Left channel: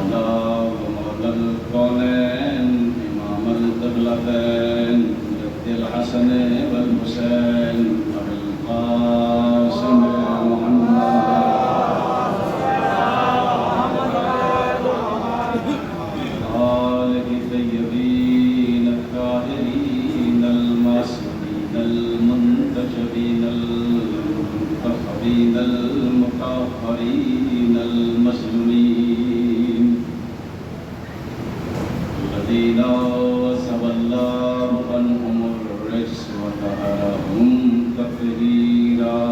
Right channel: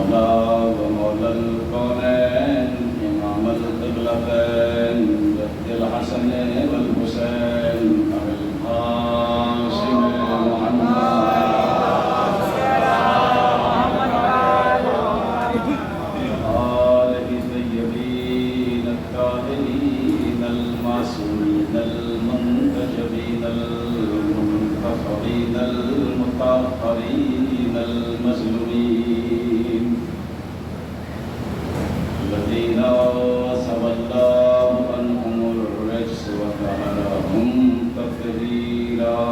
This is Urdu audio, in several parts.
مولا ومولا الكونين إمام القبلتين جد الحسن والحسين أبي القاسم محمد آله الطيبين الطاهرين المعصومين المنتجبين المنتخبين المطهرين المظلومين الذين سوى الله عنهم الرجس وطهرهم تطهيرا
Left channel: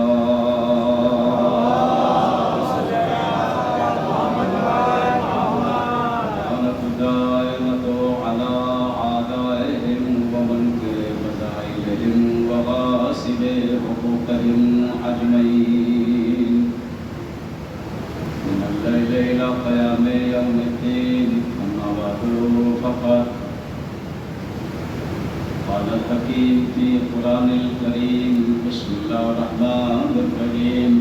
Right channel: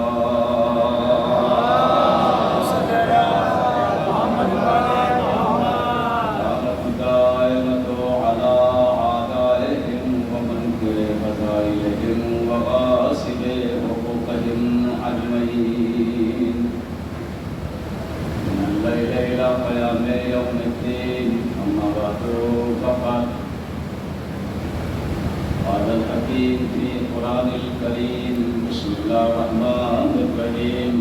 كانت الدائمة على أعدائهم ومنكر فضائلهم وغاصب حقوقهم أجمعين من الليل إلى قيام يوم الدين أما بعد فقد قال الحكيم في القرآن الكريم بسم الله الرحمن الرحيم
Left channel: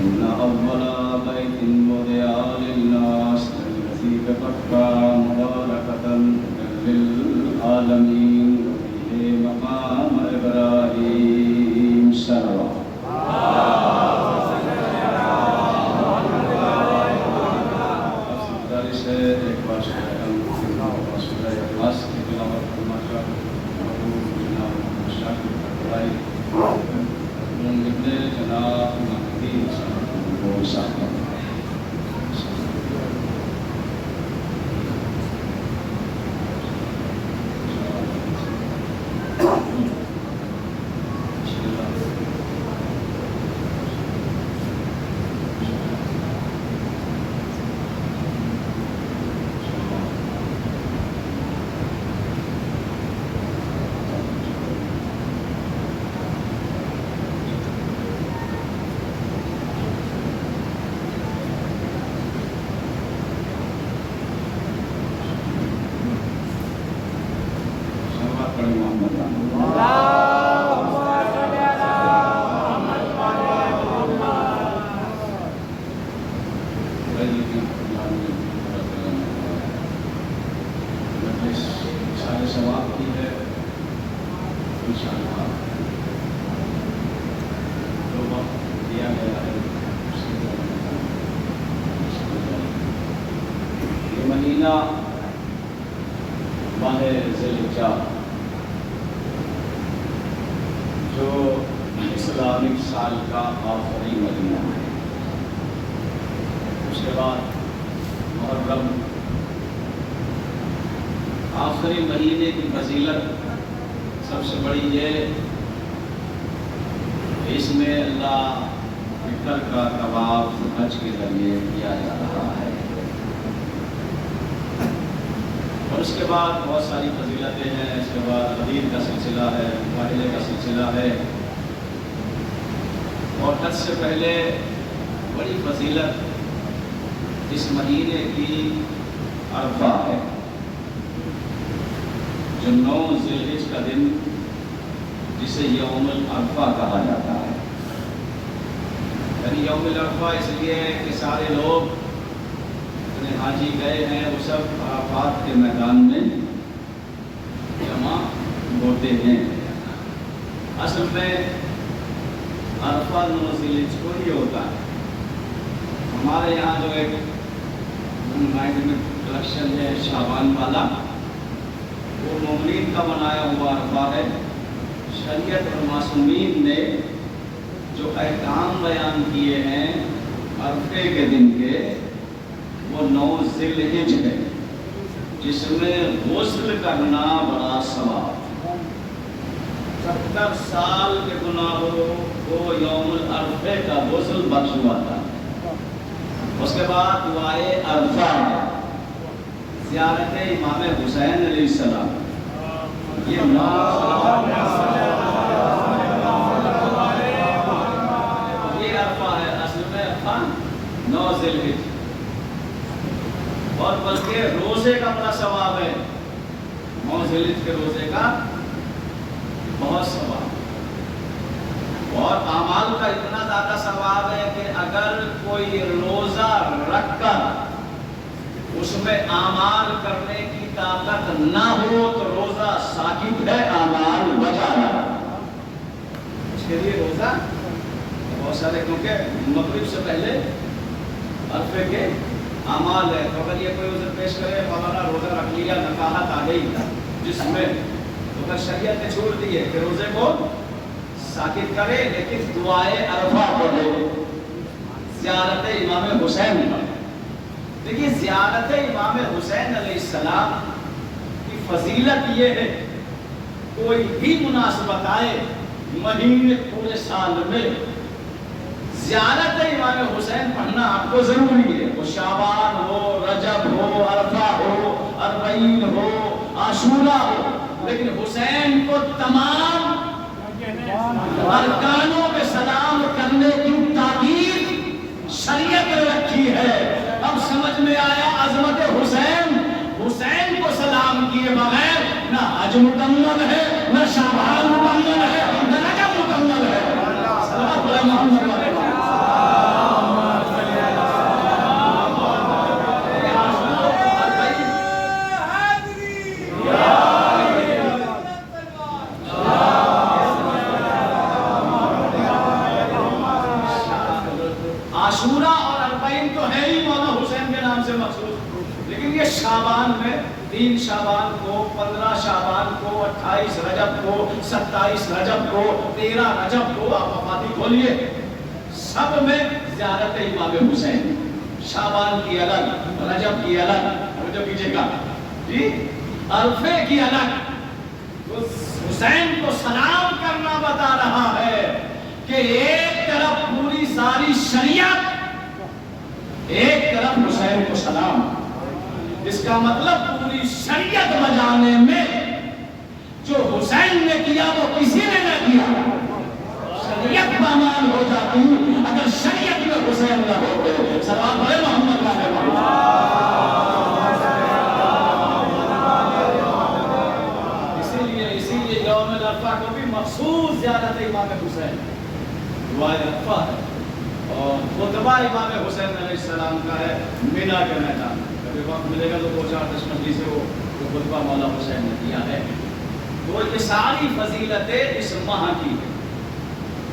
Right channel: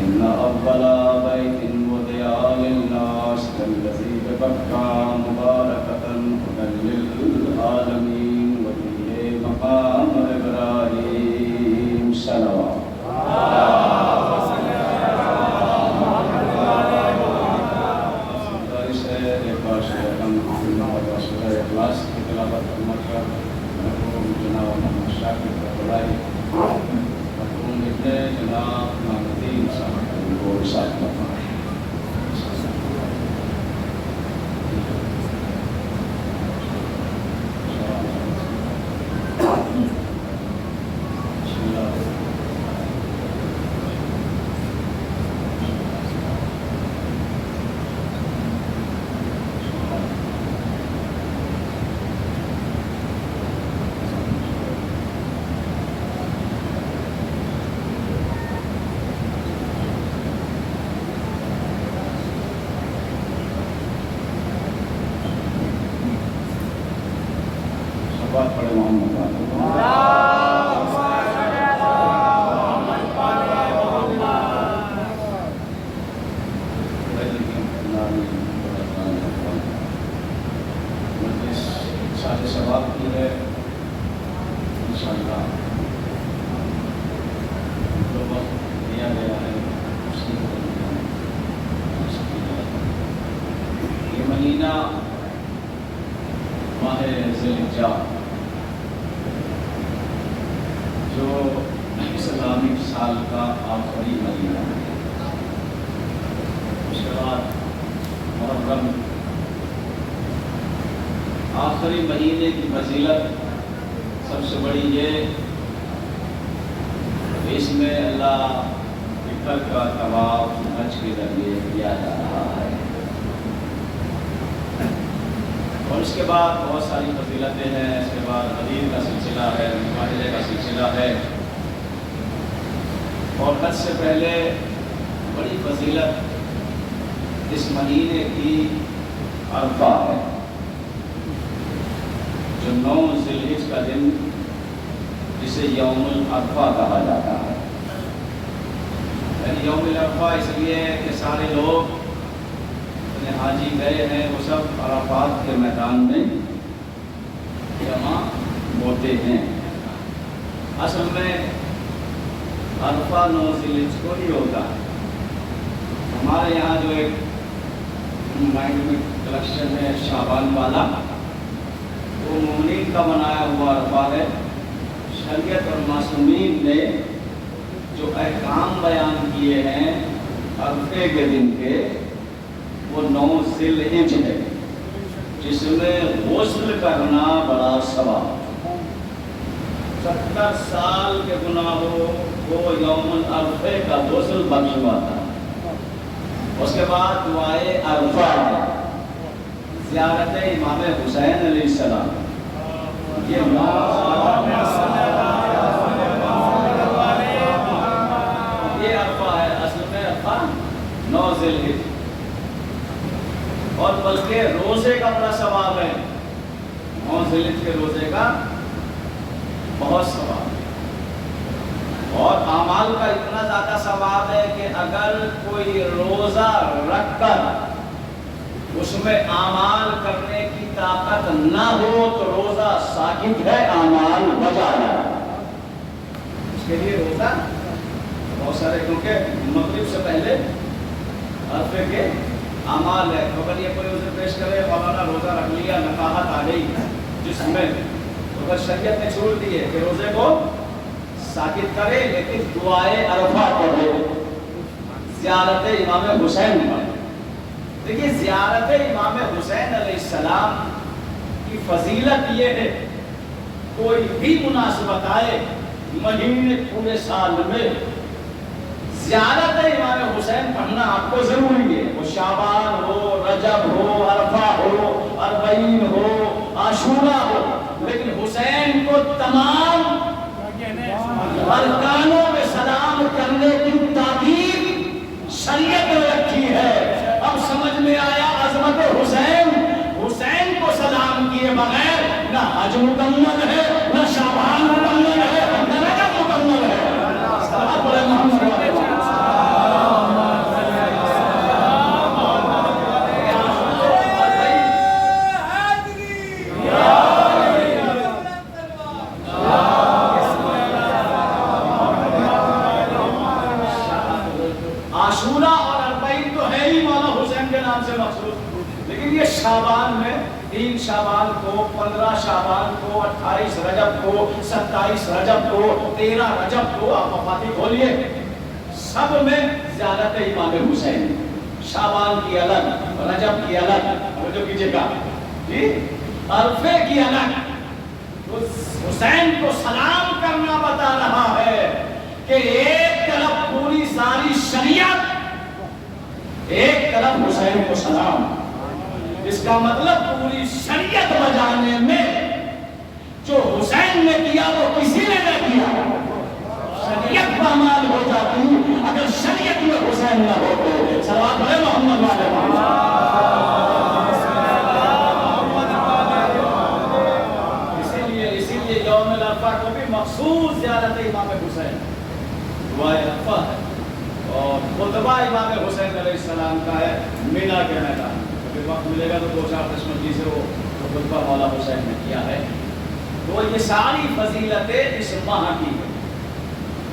إن أول بيت وضع للناس الذي ببكة مباركة هدى للعالمين وفيه مقام إبراهيم صلوات جو اسلامک سال کا آخری مہینہ ہے، اس کے بعد محرم آخری مہینے کی فضیلت سب سے بڑی یہ اس میں اللہ اکبر کا طواف حج کے ذریعے کیا جا رہا ہے، اور اس کے بعد بہت ساری فضیلتیں ہیں۔ اس کے بعد غدیر کا سلسلہ ہے، مباہلے کا سلسلہ ہے، اور حج سے پہلے بڑی فضیلت اس مہینے کی عرفہ ہے، جو 9 ذی الحج کا دن جسے یوم العرفہ کہا جاتا ہے۔ یعنی یوم العرفہ اس لیے کہ سارے لوگ حاجی گئے ہیں، وہ سب عرفات کے میدان میں جمع ہوتے ہیں۔ اصل میں عرفہ 9 ذی الحج کو ہی ہوتا ہے۔ ہمارے یہاں جو ایک مائنڈ میں کلیکشن ہے شعبان والا، وہ مومنین کا بنایا ہوا عرفہ ہے۔ شریعت اور معصومین نے جو احکام بیان کیے ہیں عرفے کے دن کے، وہ 9 ذی الحج ہے، جس میں غسل کرنا بڑا ثواب۔ 70 سال کے گناہوں کو یوم العرفے کا غسل بخش ہوا تھا۔ اس کے بعد دعائے عرفہ ہے، زیارت امام حسین علیہ السلام، یہ عرفہ ہے۔ اصل میں عرفہ 9 ذی الحج، اور بلکہ روزے کا بڑا ثواب ہے۔ 9 ذی الحج کے روزے کا بہت ثواب، اور اعمال کا اتنا زیادہ ثواب ہے کہ اگر کوئی روزہ رکھ کر اس میں اعمال کرنے کی طاقت نہ ہو تو روزہ ساکت ہے، اعمال بجا ہے۔ اس کے لیے روزہ بہت سارے، کیونکہ مغرب سے پہلے عرفے کے اعمال ہے، تو اگر یہ کوئی عذر پیش کرے ہمارا روزہ رکھ لیا، نفاحت آ گئی جس میں، تو اگر شریعت نے چھوڑ دی ہے کہ روزے کو ساکت کرے، لیکن دعائے عرفہ پڑھے، زیارت امام حسین پڑھے۔ دیکھیے زیارت امام حسین علیہ السلام کی فضیلت یہ ہے، کوئی بھی مناسبت آئے مہینے پورے سال میں زیارت امام حسین پڑھنا آپ کو ضروری ہے، وہ شعبان ہو، رجب ہو، عرفہ ہو، اربعین ہو، عاشورہ ہو، لیکن حسین کو تمام ارکانوں میں سلام کرنے کی تاکید شریعت نے رکھی ہے۔ اب سمجھ میں آیا عظمت حسین، حسین کو سلام کیے بغیر نہ حج مکمل ہے، نہ شعبان مکمل ہے، نہ رجب مکمل ہے۔ صلوات علی محمد۔ عاشورہ اور اربعین تو ہے ہی مولا حسین کے نام سے مخصوص، لیکن یہ شعبان میں 3 شعبان کو، 15 شعبان کو، 28 رجب کو، 27 رجب کو، 13 رجب کو، آپ وفاتی کھولیے، سب میں زیارت امام حسین، شعبان کی الگ، رجب کی الگ، جو کیجئے گا جی، عرفے کی الگ۔ حسین کو سلام کرنا بتا رہا ہے کہ ایک طرف پوری ساری شریعت، ایک طرف حسین کو سلام، اس کا مطلب پوری شریعت بجانے میں جو حسین نے کیا وہ کسی نے نہ کیا، شریعت پامال ہو جاتی اگر شریعت میں حسین نہ ہوتے۔ صلوات علی محمد والے اسی لیے یوم عرفہ کو بھی مخصوص زیارت امام حسین، دعائے عرفہ ہے، اور خطبہ امام حسین علیہ السلام کا ہے مینا کے میدان۔ کبھی وقت ملے گا تو 2-4 دشمنی سے وہ جو خطبہ مولا حسین نے کیا ہے۔ تو یہ ساری فضیلتیں اس ماہ کی ہے،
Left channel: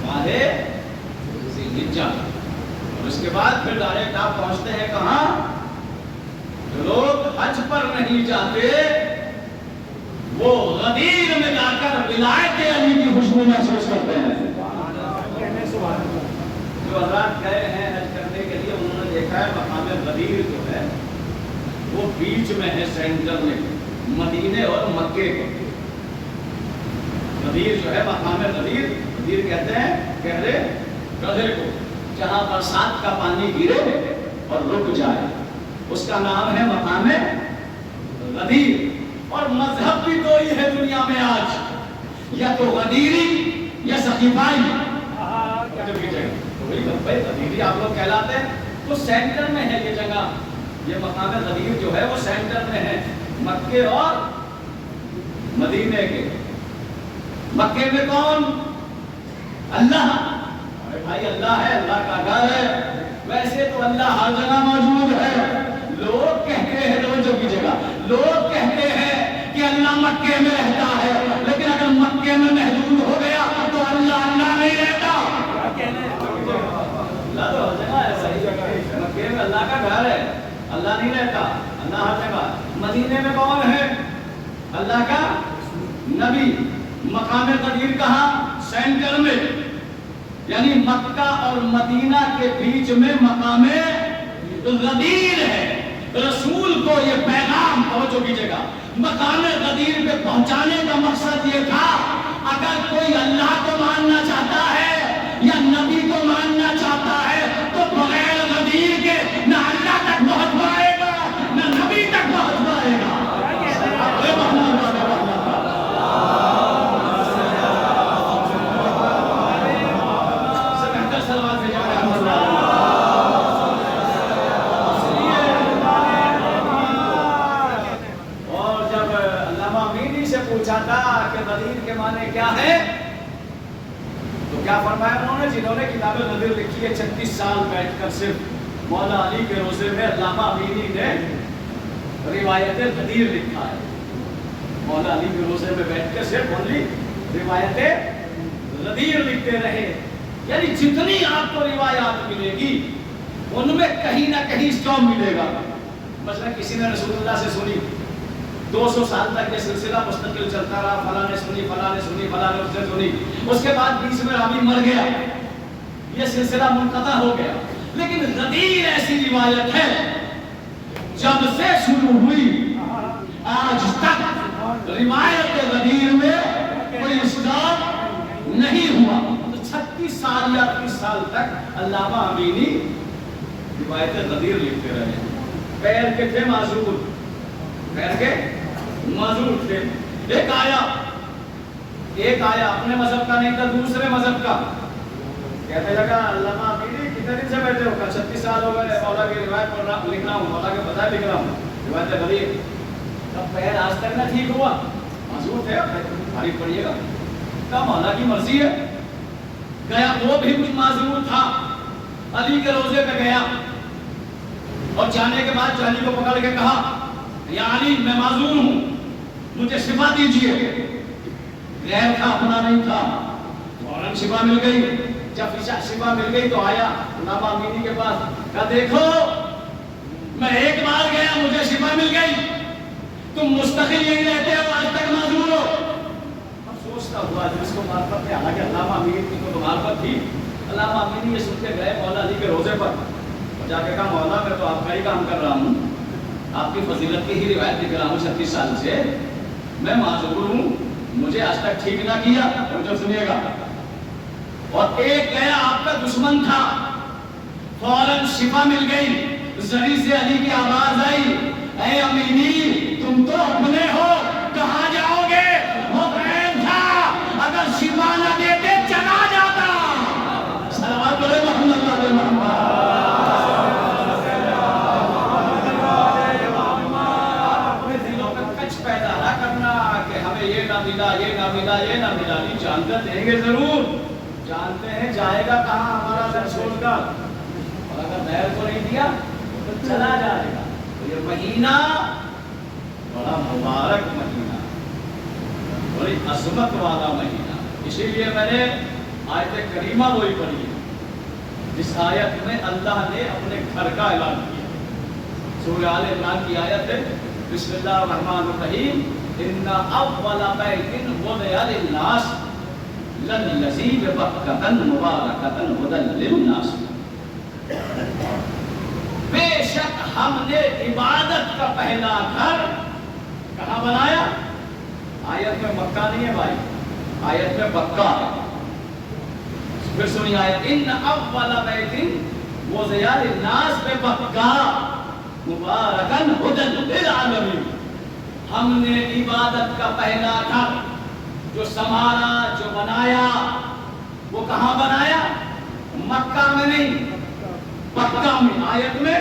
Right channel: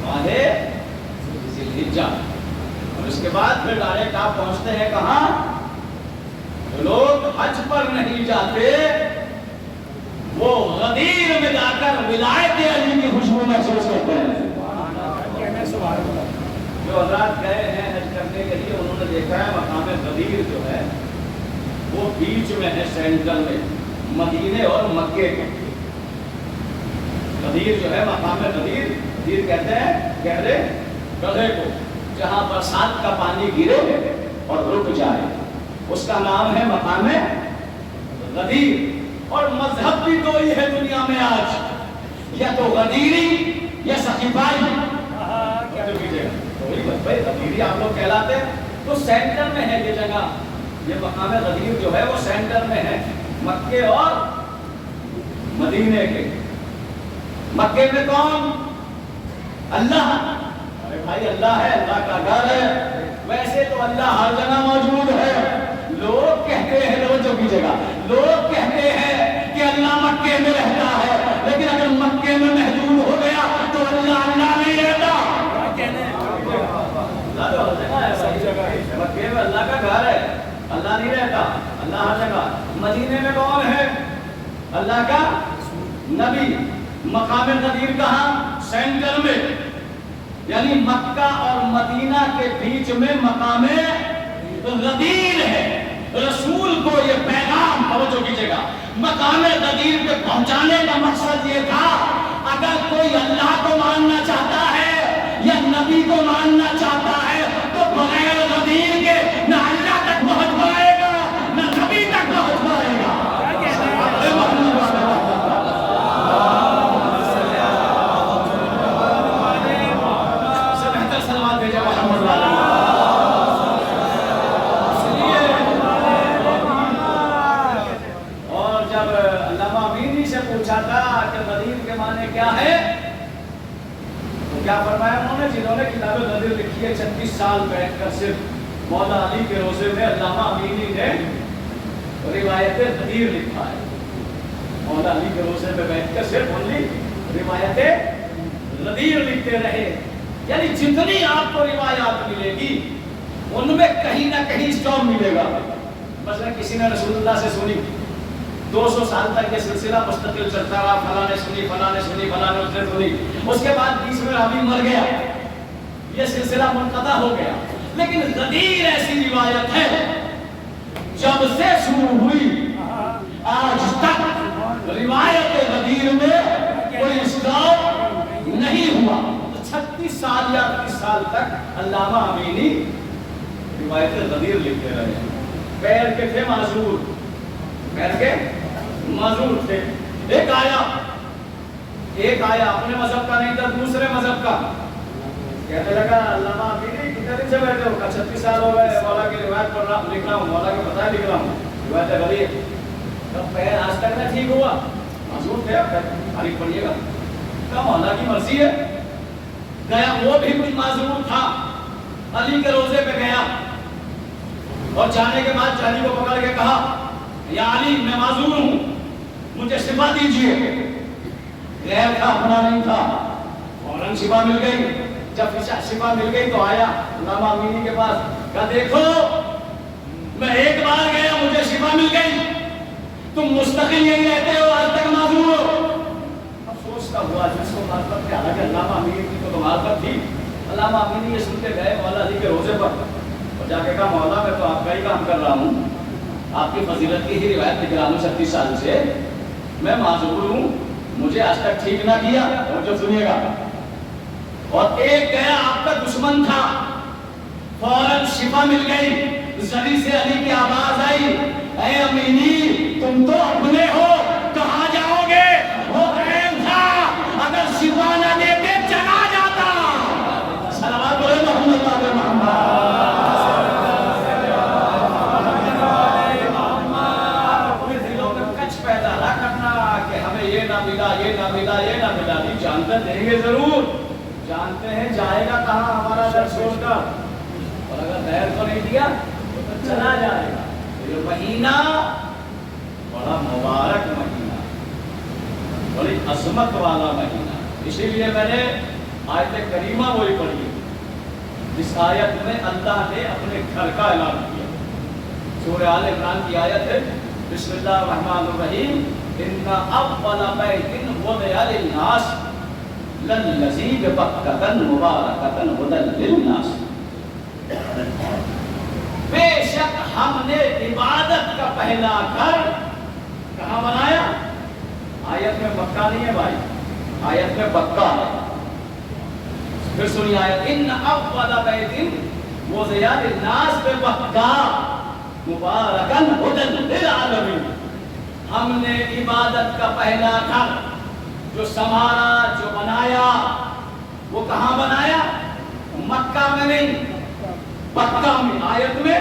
ماہ ذی الحجہ، اور اس کے بعد پھر ڈائریکٹ آپ پہنچتے ہیں کہاں؟ جو لوگ حج پر نہیں جاتے وہ غدیر میں جا کر ولایت علی کی خوشبو محسوس کرتے ہیں۔ جو حضرات گئے ہیں حج کرنے کے لیے انہوں نے دیکھا ہے مقام غدیر جو ہے وہ بیچ میں ہے، سینٹر میں، مدینے اور مکے کے۔ غدیر جو ہے مقام غدیر، غدیر کہتے ہیں گہرے گڑھے کو، جہاں برسات کا پانی گرے اور رک جائے، اس کا نام ہے مقام غدیر۔ اور مذہب بھی دو ہی ہے دنیا میں آج، یا تو غدیری یا سقیفائی۔ بھائی غدیری آپ لوگ کہلاتے ہیں، تو سینٹر میں ہے یہ جگہ، یہ مقام غدیر جو ہے وہ سینٹر میں ہے مکے اور مدینے کے۔ مکے میں کون؟ اللہ، ارے بھائی اللہ ہے، اللہ کا گھر ہے، ویسے تو اللہ ہر جگہ موجود ہے۔ لوگ کہتے ہیں، توجہ کیجیے گا، لوگ کہتے ہیں کہ اللہ مکے میں رہتا ہے، لیکن اگر مکے میں محدود ہو گیا تو اللہ اللہ نہیں رہتا۔ اللہ تو ہر جگہ ہے بھائی، مکے میں اللہ کا گھر ہے، اللہ نہیں رہتا، اللہ ہر جگہ۔ مدینے میں کون ہے؟ اللہ کا نبی۔ مقام غدیر کہاں؟ سینٹر میں، یعنی مکہ اور مدینہ کے بیچ میں مقام غدیر ہے۔ رسول کو یہ پیغام، توجہ کیجیے گا، مقام غدیر پہ پہنچانے کا مقصد یہ تھا اگر کوئی اللہ کو ماننا چاہتا ہے یا نبی کو ماننا چاہتا ہے تو بغیر غدیر کے نہ اللہ تک پہنچ پائے گا نہ نبی تک پہنچ پائے گا۔ پوچھا تھا کہ غدیر کے معنی کیا ہے، تو کیا فرمایا انہوں نے؟ جنہوں نے کتاب غدیر لکھی ہے 36 سال بیٹھ کر صرف مولا علی کے روزے میں علامہ امینی نے روایت غدیر لکھا ہے. مولا علی کے روزے میں بیٹھ کر صرف اونلی روایت غدیر لکھتے رہے. یعنی جتنی آپ کو روایات ملے گی ان میں کہیں نہ کہیں اسٹاپ ملے گا. مثلا کسی نے رسول اللہ سے سنی, 200 سال تک یہ سلسلہ مستقل چلتا رہا, فلاں نے سنی, فلاں نے سنی, فلاں نے اس نے سنی, اس کے بعد بیچ میں راوی مر گیا, یہ سلسلہ منقطع ہو گیا. لیکن غدیر ایسی روایت ہے جب سے شروع ہوئی آج تک روایت غدیر میں کوئی اسٹاپ نہیں ہوا. 36 سال یا 30 سال تک علامہ امینی روایت غدیر لکھتے رہے. پیر کے تھے معذور, پیر کے معذور تھے. ایک آیا اپنے مذہب کا نہیں تھا, دوسرے مذہب کا. کہنے لگا علامہ امینی کتنے دن سے بیٹھے ہو؟ 36 سال ہو گئے, مولا کی روایت پڑھ رہا لکھ رہا ہوں, مولا کے پتہ لکھ رہا ہوں, روایت غدیر. تب پیر آج تک نہ ٹھیک ہوا, معذور تھے. اب تاریخ پڑھیے گا, کہا مولا کی مرضی ہے. گیا, وہ بھی کچھ معذور تھا, علی کے روزے پہ گیا اور جانے کے بعد علی کو پکڑ کے کہا یا علی میں معذور ہوں, مجھے شفا دیجیے. غیر تھا, اپنا نہیں تھا. فوراً شفا مل گئی. جب شفا مل گئی تو آیا علامہ امینی کے پاس, کہا دیکھو میں ایک بار گیا مجھے شفا مل گئی, تم مستقل یہی رہتے ہو, آج تک معذور ہو. اب سوچتا ہوا جس کو معرفت ہے, حالانکہ علامہ امینی کو تو معرفت تھی. علامہ امینی یہ سن کے گئے مولا علی کے روزے پر اور جا کے کہا مولا میں تو آپ کا ہی کام کر رہا ہوں, آپ کی فضیلت کی ہی روایت لکھ رہا ہوں 36 سال سے, میں معذور ہوں, مجھے آج تک ٹھیک نہ کیا. اور جو سنیے گا, اور ایک گیا آپ کا دشمن تھا, فوراً شفا مل گئی. زری سے علی کی آواز آئی, اے امینی تم تو اپنے ہو, کہاں جاؤ گے؟ وہ غیر تھا, اگر شفا نہ دیتے چلا جاتا. صلوات علی محمد علیہ محمد. پیدا نہ کرنا کہ ہمیں یہ نہ ملا, یہ نہ ملا, یہ نہ ملا. نہیں, جانتے دیں گے ضرور, جانتے ہیں جائے گا کہاں ہمارا در چھوڑ کر, اور اگر دیر تو نہیں دیا تو چلا جائے گا. تو یہ مہینہ بڑا مبارک مہینہ, بڑی عظمت والا مہینہ. اسی لیے میں نے آیت کریمہ وہی پڑھی جس آیت میں اللہ نے اپنے گھر کا اعلان کیا. سورہ آل عمران کی آیت ہے, بسم اللہ الرحمن الرحیم, ان اول بیت وضع للناس للذی ببکۃ مبارکۃ ھدی للناس. بے شک ہم نے عبادت کا پہلا گھر کہاں بنایا؟ آیت میں مکہ نہیں ہے بھائی, آیت میں بکہ ہے. پھر سنیے آیت, ان اول بیت وضع للناس ببکۃ مبارکن ھدی للعالمین. ہم نے عبادت کا پہلا گھر جو سنوارا, جو بنایا, وہ کہاں بنایا؟ مکہ میں نہیں, پکہ میں. آیت میں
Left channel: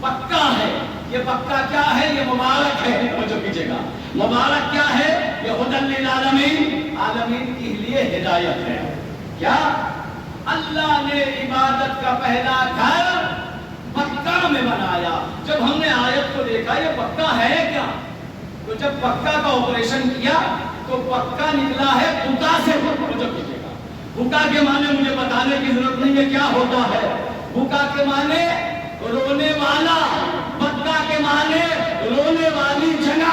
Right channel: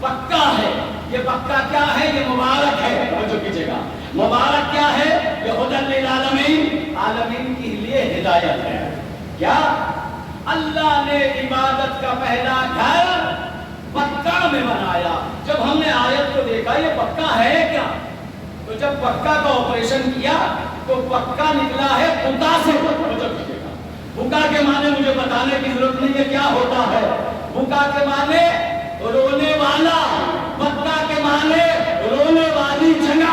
پکہ ہے. یہ پکہ کیا ہے؟ یہ مبارک ہے. توجہ کیجیے گا, مبارک کیا ہے؟ یہ ھدی للعالمین, عالمین کے لیے ہدایت ہے. کیا اللہ نے عبادت کا پہلا گھر پکہ میں بنایا. جب ہم نے آیت کو دیکھا یہ پکہ ہے کیا, تو جب پکہ کا آپریشن کیا تو پکہ نکلا ہے بکا سے. بکا کے معنی مجھے بتانے کی ضرورت نہیں ہے کیا ہوتا ہے. بکا کے معنی رونے والا, پکہ کے معنی رونے والی جگہ.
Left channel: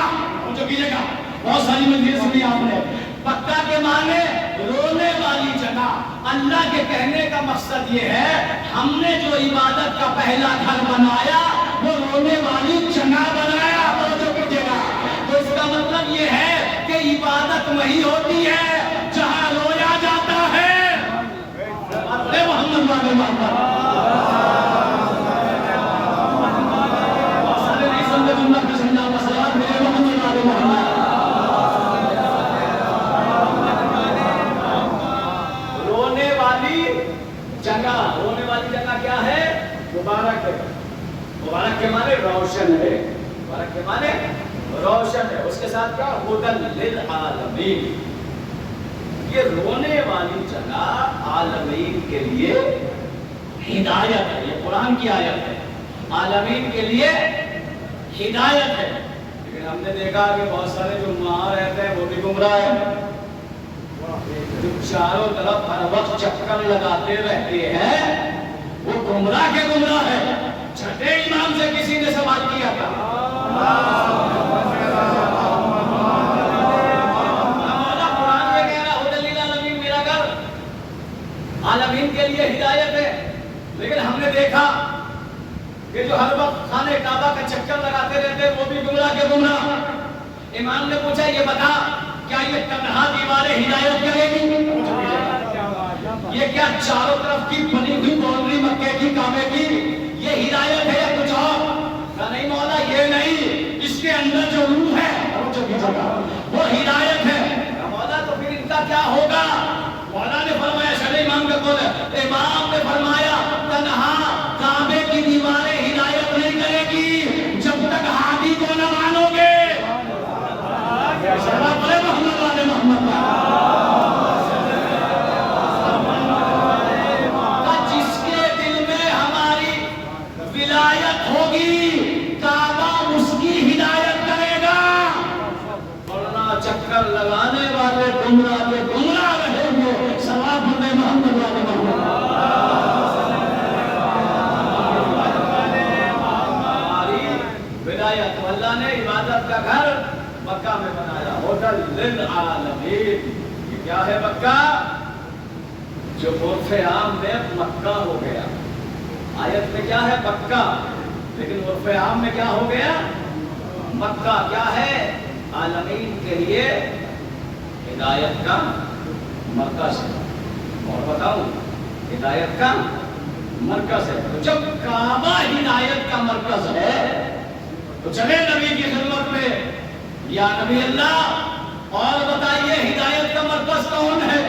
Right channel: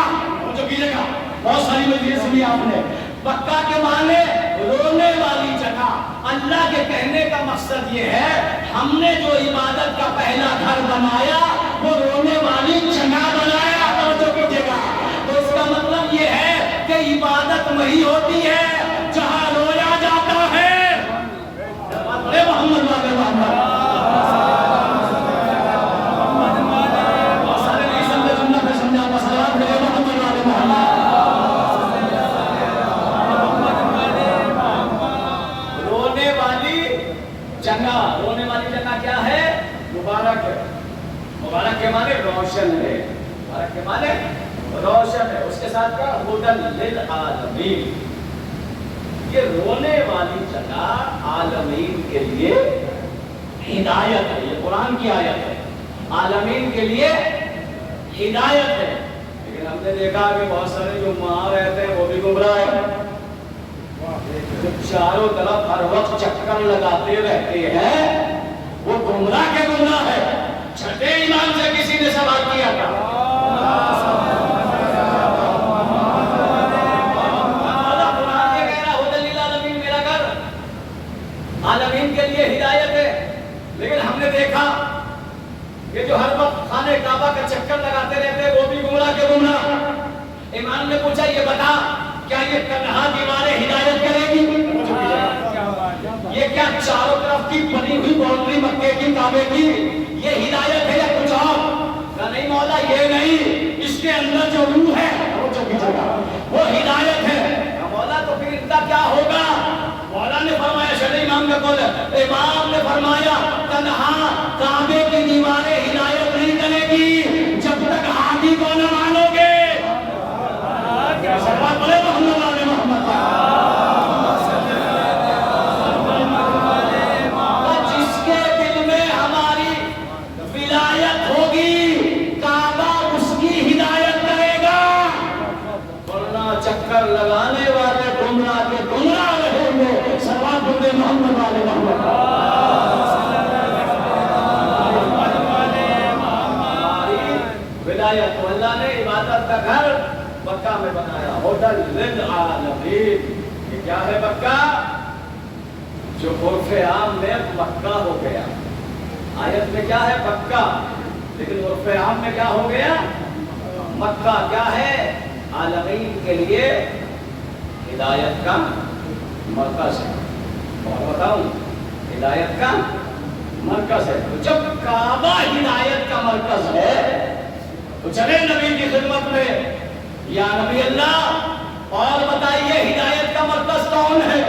جو کیجیے گا, بہت ساری مجھے سنی آپ نے. پکہ کے معنی رونے والی جگہ. اللہ کے کہنے کا مقصد یہ ہے ہم نے جو عبادت کا پہلا گھر بنایا وہ رونے والی جگہ بنایا. توجہ کیجیے گا, تو اس کا مطلب یہ ہے کہ عبادت وہی ہوتی ہے جہاں رویا جاتا ہے. محمد والے محمد سارے نہیں سمجھے, جنت میں سمجھا مسئلہ میرے محمد والے محمد. رونے والی جگہ, رونے والی جگہ کیا ہے؟ مبارک ہے. مبارک کے معنی روشن ہے, مبارک کے معنی روشن ہے. اس کے ساتھ کیا؟ ھدی للعالمین. یہ رونے والی جگہ عالمین کے لیے ہدایت ہے. یہ قرآن کی آیت ہے. عالمین کے لیے ہدایت ہے، لیکن ہم نے دیکھا کہ بہت سارے جو وہاں رہتے ہیں وہ بھی گمراہ ہیں، جو چاروں طرف ہر وقت چکر لگاتے رہتے ہیں وہ گمراہ کے گمراہ ہے۔ چھٹے امام سے کسی نے سوال کیا تھا، قرآن یہ کہہ رہا ہدی للعالمین، میرا گھر عالمین کے لیے ہدایت ہے، لیکن ہم نے دیکھا کہ جو ہر وقت خانے کعبہ کا چکر لگاتے رہتے وہ بھی گمراہ کے گمراہ۔ امام نے پوچھا یہ بتا کیا یہ تنہا دیواریں ہدایت کرے گی؟ یہ کیا چاروں طرف کی بنی ہوئی باؤنڈری مکے کی کعبے کی یہ ہدایت ہے یا کچھ اور؟ کہا نہیں مولا یہ نہیں، اس کے اندر جو روح ہے وہ ہدایت ہے۔ کہا مولا تو پھر ان کا کیا ہوگا؟ مولا نے فرمایا، شرع امام کا قول ہے، امام نے فرمایا تنہا کعبے کی دیواریں ہدایت نہیں کرے گی جب تک ہادی کو نہ مانو گے۔ محمد والے محمد جس کے دل میں ہماری ولایت ہوگی کعبہ اس کی ہدایت کرے گا، ورنہ چکر لگانے والے گمراہ کے گمراہ رہیں گے۔ صلوات پڑھتے محمد والے محمد۔ ولایت تو اللہ نے عبادت کا گھر مکہ میں بنایا، ہوٹل للعالمین۔ یہ کیا ہے مکہ؟ جو عرف عام میں مکہ ہو گیا، آیت میں کیا ہے مکہ، لیکن عرف عام میں کیا ہو گیا؟ مکہ کیا ہے؟ عالمین کے لیے ہدایت کا مرکز ہے۔ اور بتاؤں ہدایت کا مرکز ہے، جب کعبہ ہدایت کا مرکز ہے تو چلے نبی کی خدمت میں، یا نبی اللہ اور بتائیے ہدایت کا مرکز کون ہے؟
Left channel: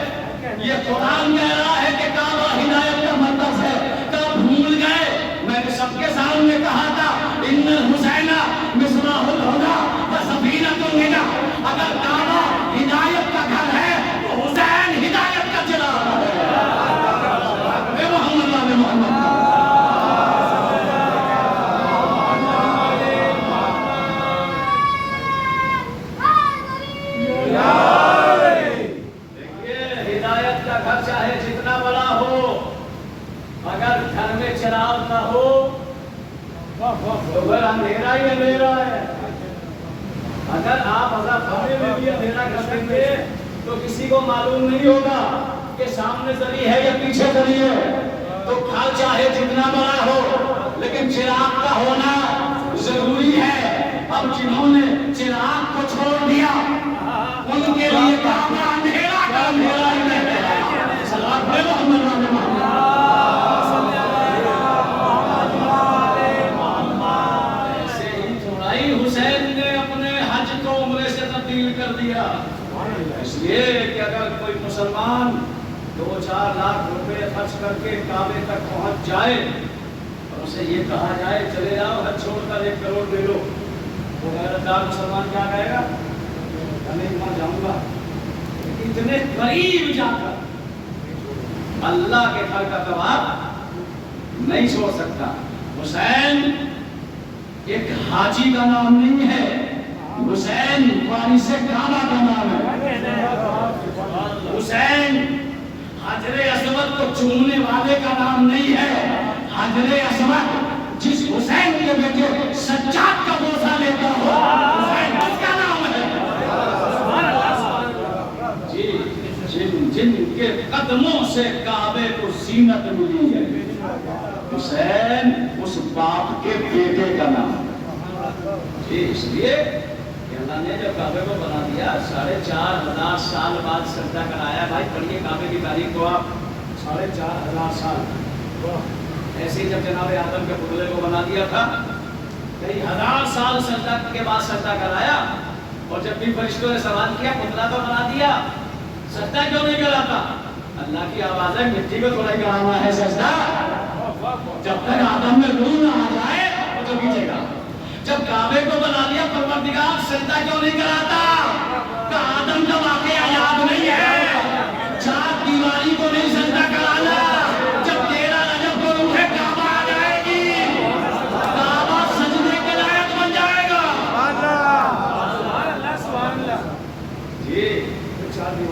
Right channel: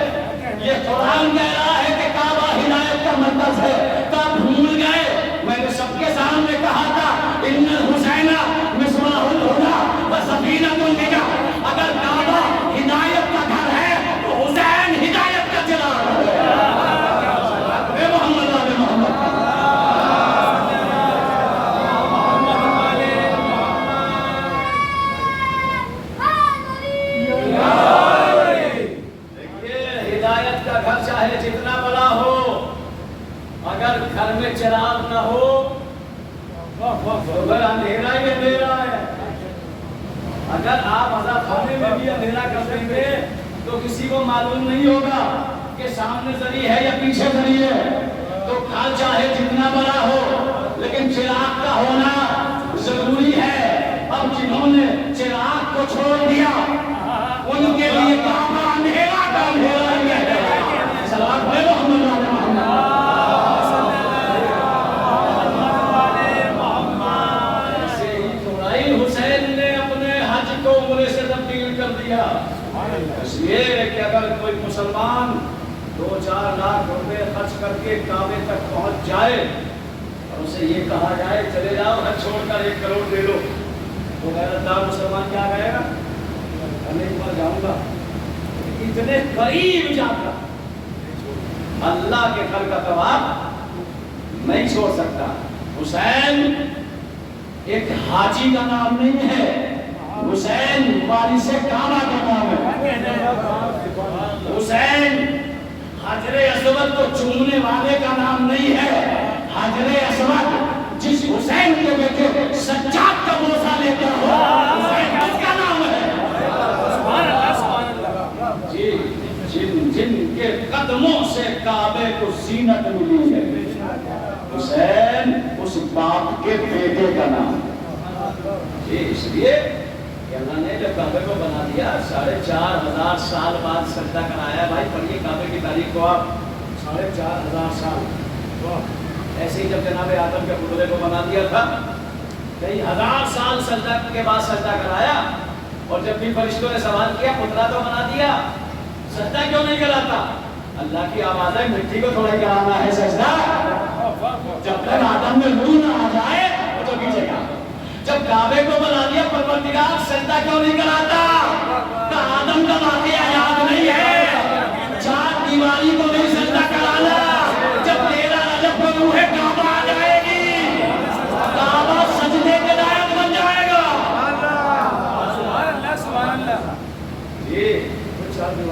یہ قرآن کہہ رہا ہے کہ کعبہ ہدایت کا مرکز ہے، کب بھول گئے؟ میں نے سب کے سامنے کہا تھا ان الحسین مصباح الہدی و سفینۃ النجاۃ۔ اگر کعبہ ہدایت کا گھر ہے تو حسین ہدایت کا چراغ ہے۔ اے محمد والے محمد۔ چاہے جتنا بڑا ہو، اگر گھر میں چراغ نہ ہو تو گھر اندھیرا ہی اندھیرا ہے۔ اگر آپ خانے میں بھی اندھیرا کر دیں گے تو کسی کو معلوم نہیں ہوگا کہ سامنے زری ہے یا پیچھے زری ہے۔ تو گھر چاہے جتنا بڑا ہو لیکن چراغ کا ہونا ضروری ہے۔ اب جنہوں نے چراغ کو چھوڑ دیا ان کے لیے کعبہ اندھیرا کا اندھیرا ہی رہ گیا۔ ایسے ہی تھوڑا ہی حسین نے اپنے حج کو عمرے سے تبدیل کر دیا، اس لیے کہ اگر کوئی مسلمان 2-4 لاکھ روپے خرچ کر کے کعبے تک پہنچ جائے اور اسے یہ کہا جائے چلے جاؤ حج چھوڑ کر 1 کروڑ دے لو، تو غیرتدار مسلمان کیا کہے گا؟ نہیں وہاں جاؤں گا۔ اتنے قریب جا کر اللہ کے گھر کا طواف نہیں چھوڑ سکتا۔ حسین ایک حاجی کا نام نہیں ہے، حسین وارث کعبہ کا نام ہے۔ حسین حجر اسود کو چومنے والے کا نام نہیں ہے۔ حجر اسود جس حسین کے بیٹے سجاد کا بوسہ لیتا ہو حسین اس کا نام ہے۔ جن کے قدموں سے کعبے کو زینت ملی ہے، حسین اس باپ کے بیٹے کا نام ہے۔ اس لیے کہ اللہ نے جب کعبے کو بنا دیا 4,500 سال بعد سجدہ کرایا۔ بھائی پڑھیے کعبے کی تاریخ کو آپ، 4,500 سال۔ ایسے ہی جب جناب آدم کے پتلے کو بنا دیا تھا کئی ہزار سال سجدہ کے بعد سجدہ کرایا، اور جب بھی فرشتوں نے سوال کیا پتلا تو بنا دیا سجدہ کیوں نہیں کراتا؟ اللہ کی آواز ہے مٹی کو تھوڑا ہی کرانا ہے سجدہ، جب تک آدم میں روح نہ آ جائے تو کیجیے گا۔ جب کعبے کو بنا دیا پروردگار سجدہ کیوں نہیں کراتا؟ کہ آدم کا واقعہ یاد نہیں ہے، 4 دیواری کو نہیں سجدہ کرانا۔ جب 13 رجب کو روح کعبہ آ جائے گی کعبہ سجدے کے لائق بن جائے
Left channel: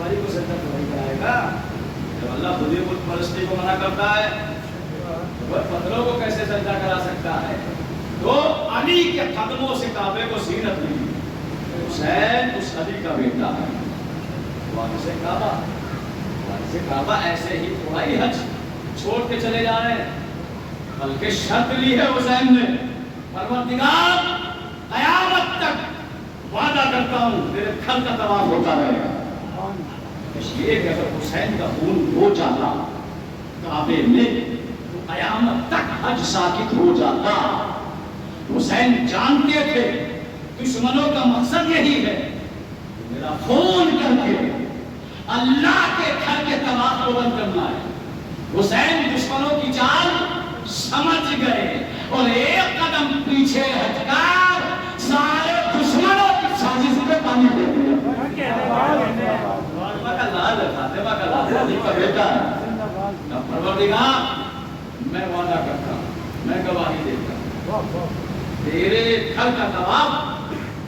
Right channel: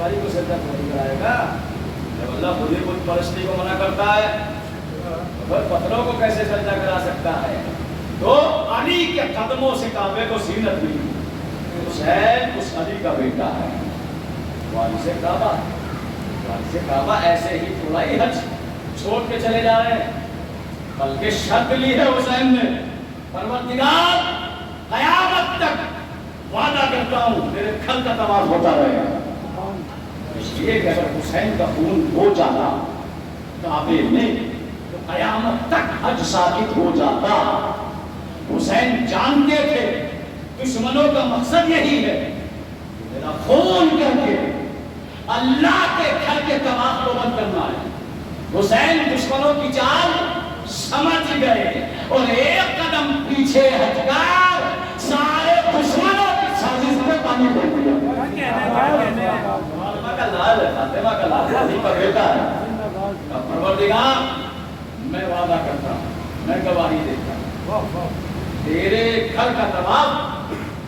سواری کو سجدہ تھوڑی کرائے گا. جب اللہ خود ہی بت پرستی کو منع کرتا ہے تو پتھروں کو کیسے سجدہ کرا سکتا ہے؟ تو علی کے قدموں سے کعبے کو زینت ملی. حسین اس علی کا بیٹا ہے. وارث کعبہ، وارث کعبہ ایسے ہی تھوڑا ہی حج چھوڑ کے چلے جا رہے ہیں، بلکہ شرط لی ہے حسین نے، پروردگار قیامت تک وعدہ کرتا ہوں تیرے گھر کا طواف ہوتا رہے گا. اس لیے کہ اگر حسین کا خون ہو جانا کعبے میں تو قیامت تک حج ساقط ہو جاتا. حسین جانتے تھے دشمنوں کا مقصد یہی ہے کہ میرا خون کر کے اللہ کے گھر کے طواف کو بند کرنا ہے. حسین دشمنوں کی چال سمجھ گئے اور ایک قدم پیچھے ہٹ کر سارے دشمنوں کی سازش پہ پانی دے دیا. فاطمہ کا لال ہے، فاطمہ کا لال ہے، علی کا بیٹا ہے. پروردگار میں وعدہ کرتا ہوں، میں گواہی دیتا ہوں تیرے گھر کا طواف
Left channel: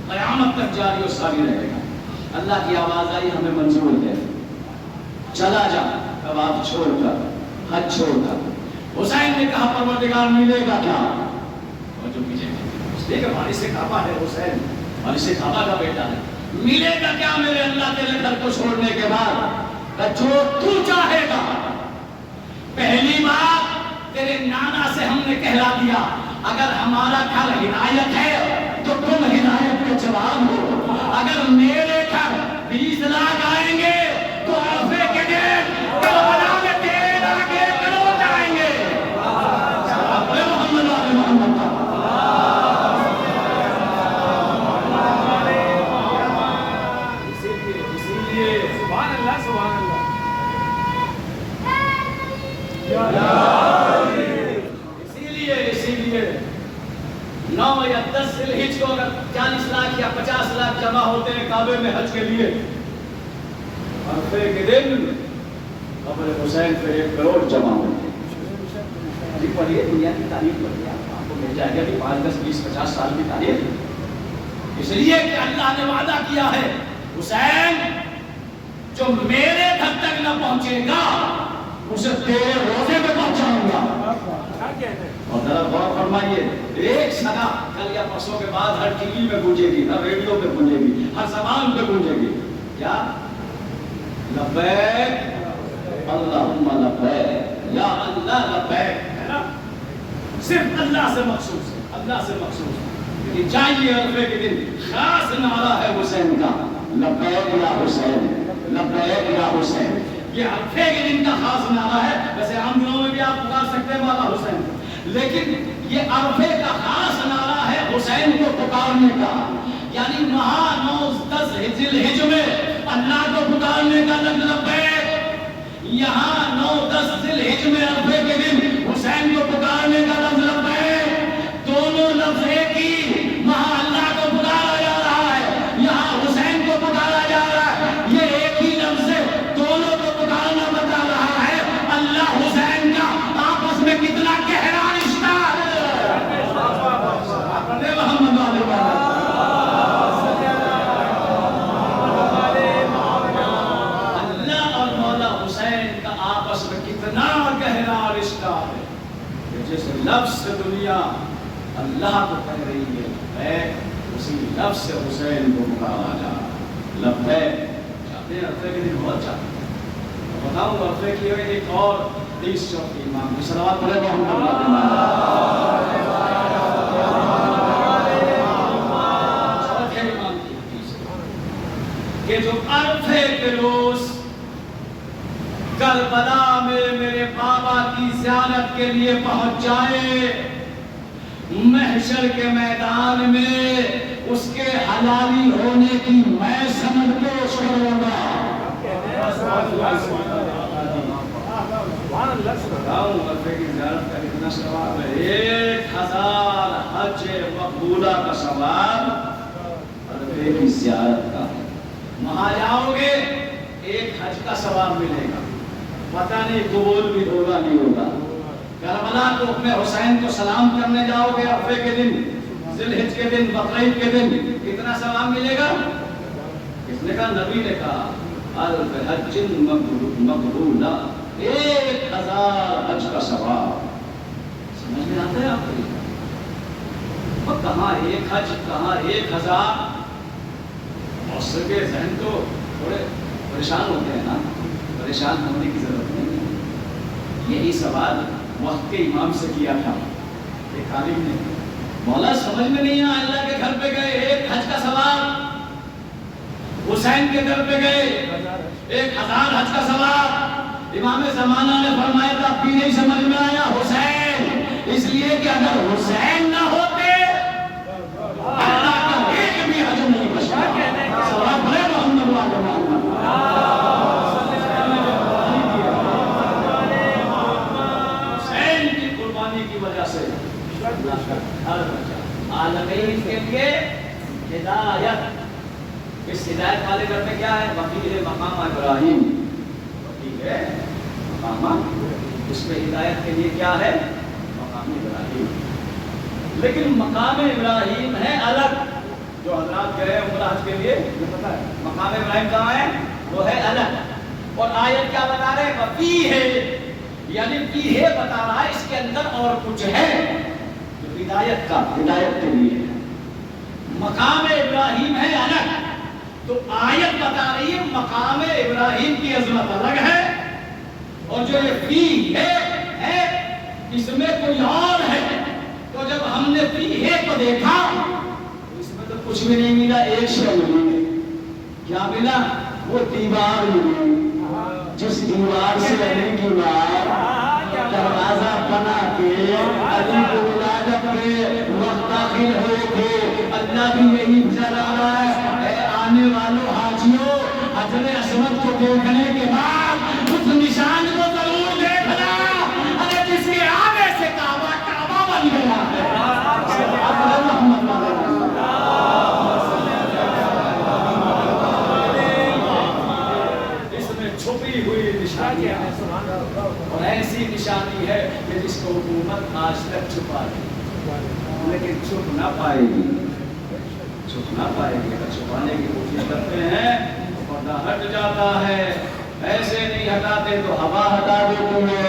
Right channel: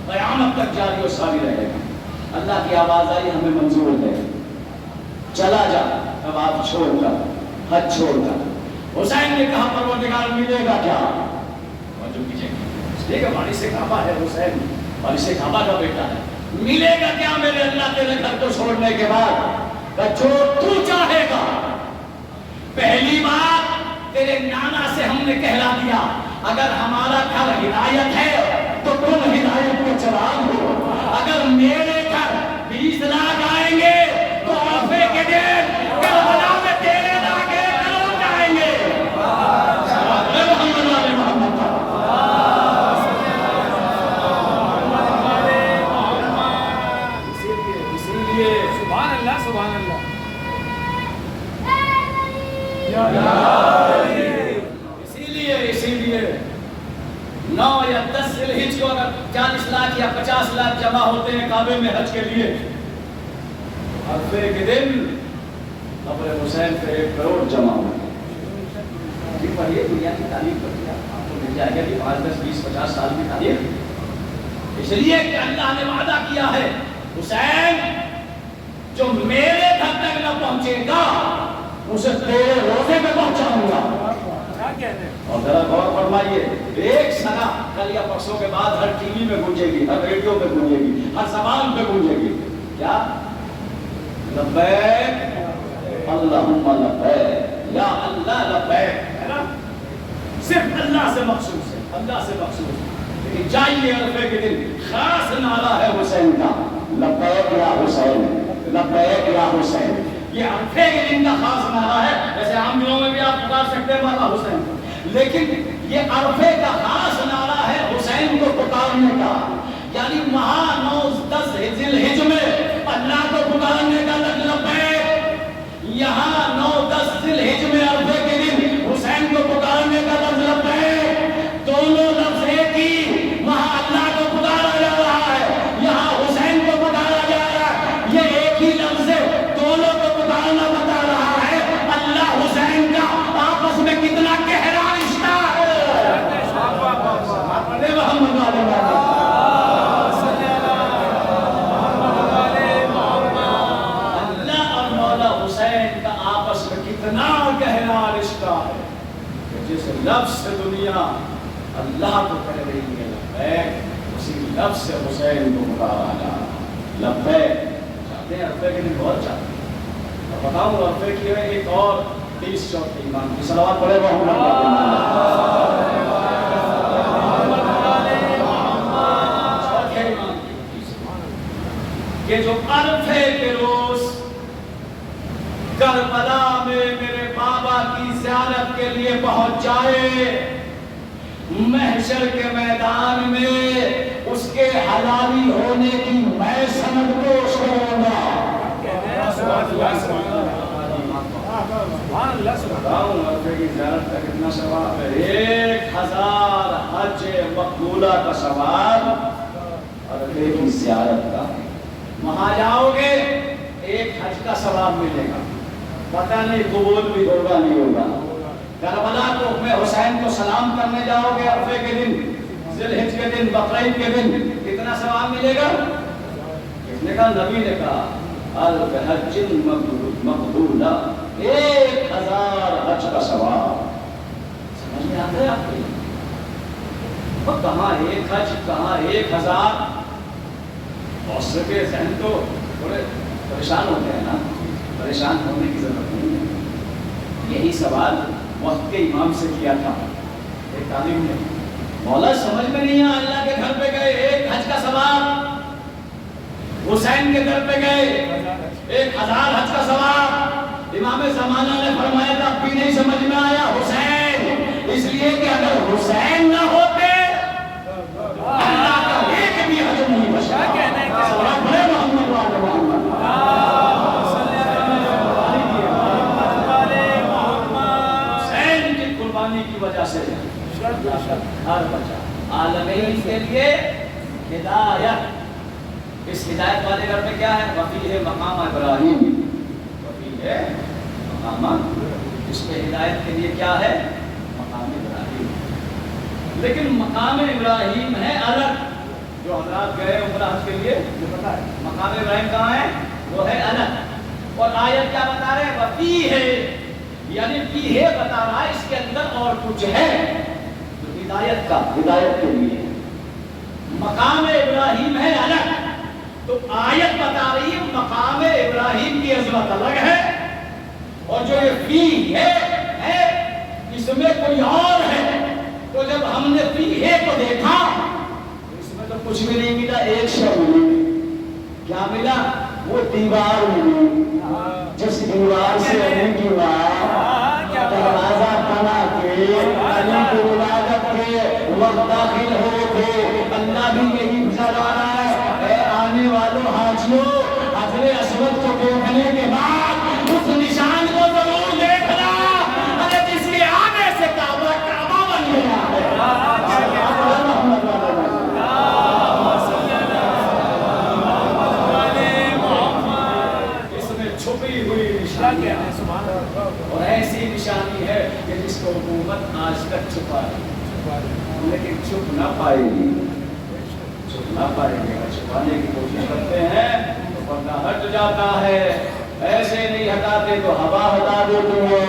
قیامت تک جاری و ساری رہے گا. اللہ کی آواز آئی ہمیں منظور ہے، چلا جا طواف چھوڑ کر، حج چھوڑ کر. حسین نے کہا پروردگار ملے گا کیا؟ اور جو کیجئے اس لیے کہ وارث کعبہ ہے حسین، وارث کعبہ کا بیٹا ہے. ملے گا کیا میرے اللہ تیرے گھر کو چھوڑنے کے بعد؟ کہ جو تو چاہے گا. پہلی بات تیرے نانا سے ہم نے کہلا دیا اگر ہمارا گھر ہدایت ہے تو تم ہدایت کے چراغ ہو. اگر میرے گھر 20 لاکھ آئیں گے تو عرفے کے دن کربلا میں تیرے لاگے کرو جائیں گے. محمد والے محمد سبحان اللہ سبحان اللہ. اسی لیے 9 یا 10 ذی الحجہ کو اگر 40 لاکھ یا 50 لاکھ جمع ہوتے ہیں کعبے میں حج کے لیے، عرفے کے دن قبر حسین پہ 1 کروڑ جمع ہوتے ہیں. جی پڑھیے دنیا کی تاریخ پڑھیے، آپ کو مل جائے گا کہ 5 10 20 50 سال کی تاریخ. اس لیے کہ اللہ نے وعدہ کیا ہے حسین جو میرے گھر تک نہ پہنچے گا اسے تیرے روزے میں پہنچاؤں گا. اور ذرا غور فرمائیے، ایک صدا کل یا پرسوں کے بعد ہر ٹی وی میں گونجے گی، ہر ریڈیو پہ گونجے گی، ہر زبان پہ گونجے گی. کیا؟ لبیک اللہم لبیک، یا اللہ لبیک. ہے نا؟ صرف اللہ سے مخصوص ہے، اللہ سے مخصوص. لیکن چاہیے عرفے کے دن خاص نعرہ ہے حسین کا، لبیک یا حسین، لبیک یا حسین. یہ عرفے کے دن کا خاص نعرہ ہے. ویسے عام دنوں میں بھی آپ پکار سکتے ہیں مولا حسین، لیکن یہ عرفے کا خاص نعرہ ہے حسین کو پکارنے کا. یعنی وہاں 9 10 ذی الحجہ میں اللہ کو پکارنے کا لفظ لبیک، یہاں 9 10 ذی الحجہ میں عرفے کے دن حسین کو پکارنے کا لفظ لبیک. دونوں لفظ ایک ہی. وہاں اللہ کو پکارا جا رہا ہے، یہاں حسین کو پکارا جا رہا ہے. یہ ایک ہی لفظ ہے، دونوں کو پکارنا بتا رہا ہے اللہ حسین کا آپس میں کتنا گہرا رشتہ ہے. محمد اللہ اور مولا حسین کا آپس میں کتنا گہرا رشتہ ہے کہ جس لفظ سے دنیا اللہ کو کہہ رہی ہے اسی لفظ سے حسین کو پکارا جا رہا ہے. لبیک چاہتے ہیں عرفے کے دن بہت چاہتے ہیں. بتاؤں عرفے کی ایک اور 30 چوتھی ایمان کی صلوات پڑھے چوتھے ایمان کی کہ جو عرفے کے روز کربلا میں میرے بابا کی زیارت کے لیے پہنچ جائے، محشر کے میدان میں اس کے حلالی ہونے کی میں سند پیش کروں گا. عرفے کی زیارت کا کتنا ثواب ہے؟ 1000 حج مقبولہ کا ثواب عرفے کی زیارت کا. وہاں جاؤ گے 1 حج کا ثواب ملے گا، پتہ نہیں قبول بھی ہوگا نہیں ہوگا. کربلا کو اپنے حسین کو سلام کرنے جاؤ گے عرفے کے دن، ذی الحجہ کے دن، بقرعید کے دن، کتنا ثواب ملے گا؟ کس نے کہا؟ نبی نے کہا الف حج مقبولہ، 1000 حج کا ثواب۔ سمجھ میں آتا ہے آپ کو؟ وہ کہاں 1 حج، کہاں 1000؟ بہت سے کے ذہن تو تھوڑے پریشان ہوتے ہیں نا، پریشان ہونے کی ضرورت نہیں ہے۔ یہی سوال وقت کے امام سے کیا تھا ایک عالم نے، مولا سمجھ میں نہیں آیا، اللہ کے گھر پہ گئے 1 حج کا ثواب، حسین کے در پہ گئے 1000 حج کا ثواب۔ امام زمانہ نے فرمایا تھا اب بھی نہیں سمجھ میں آیا، حسین اس لیے کہ اگر حسین نہ ہوتے اللہ کا ایک بھی حج نہیں بچا۔ صلوات پڑھے محمد وعلى محمد۔ حسین کی قربانی کی وجہ سے اللہ کا گھر بچا۔ عالمین کے لیے ہدایت، اس ہدایت والے گھر میں کیا ہے؟ وفی مقام ابراہیم، وفی ہے مقام، اس پہ ہدایت کے لیے کیا ہے؟ مقام ابراہیم۔ لیکن مقام ابراہیم ہے الگ، جو حضرات گئے عمرہ حج کے لیے پتہ ہے مقام ابراہیم کہاں ہے، وہ ہے الگ۔ اور آیت کیا بتا رہے ہیں؟ وفی ہے، یعنی فی ہے بتا رہا ہے اس کے اندر اور کچھ ہے جو ہدایت کا، ہدایت کے لیے مقام ابراہیم ہے الگ، تو آیت بتا رہی ہے مقام ابراہیم کی عظمت الگ ہے، اور جو یہ فی ہے اس میں کوئی اور ہے۔ تو جب ہم نے فی ہے کو دیکھا تو اس میں تو کچھ بھی نہیں ملا، ایک شے ملی۔ کیا ملا؟ وہ دیوار ملی، جس دیوار سے علی کی ماں دروازہ بنا کے علی کو ولادت کے وقت داخل ہوئے تھے۔ اللہ بھی یہی بتا رہا ہے، اے آنے والوں حاجیوں، حجر اسود کو دیکھنے کے بعد اس نشان کو ضرور دیکھنا، ارے جس کے آنے سے کعبہ بن گیا ہے۔ اس میں چھپی ہوئی نشانی ہے، اور ایسی نشانی ہے کہ جس کو حکومت آج تک چھپا ہے، لیکن چھپ نہ پائے گی، چھپ نہ پائے گی۔ اگر چھپانے کی کوشش کرتے ہیں تو پردہ ہٹ جاتا ہے، ایسے نہیں ہٹاتے تو ہوا ہٹا دیتی ہے۔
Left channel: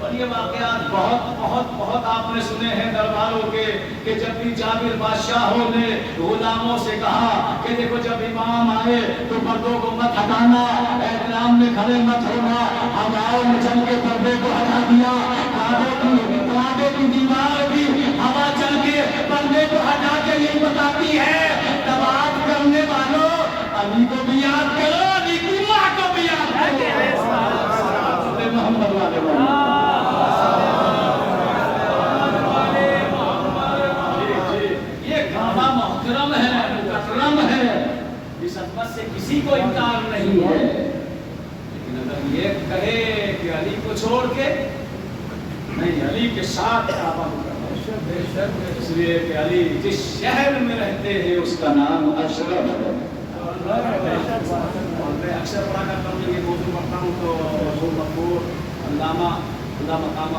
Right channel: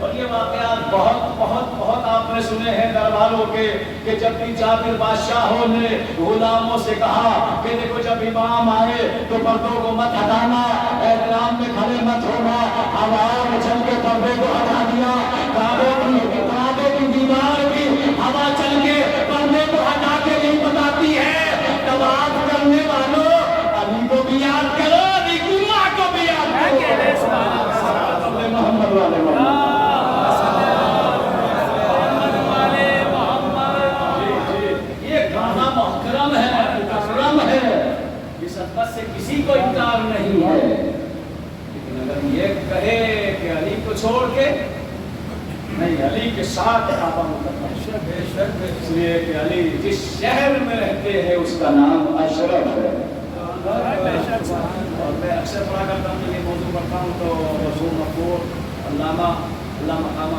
اور یہ واقعات بہت بہت بہت آپ نے سنے ہیں درباروں کے، کہ جب بھی جابر بادشاہوں نے غلاموں سے کہا کہ دیکھو جب امام آئے تو پردوں کو مت ہٹانا، احترام میں کھڑے مت ہونا، ہواؤں میں چل کے پردے کو ہٹا دیا۔ کعبے کی دیوار بھی ہوا چل کے پردے کو ہٹا کے نہیں بتاتی ہے۔ طواف کرنے والوں علی کو بھی یاد کرو، علی کی ماں کو بھی یاد کرو۔ محمد والے محمد، محترم ہے، مکرم ہے، اس عظمت سے کسی کو انکار نہیں ہے۔ لیکن اگر یہ کہے کہ علی کو چھوڑ کے نہیں، علی کے ساتھ کعبہ مکرم ہے، اس لیے کہ علی جس شہر میں رہتے ہیں اس کا نام اشرف ہے۔ اور میں اکثر پڑھا کرتا ہوں، جب یہ موضوع پڑھتا ہوں تو مرحوم مقبول علامہ مقامہ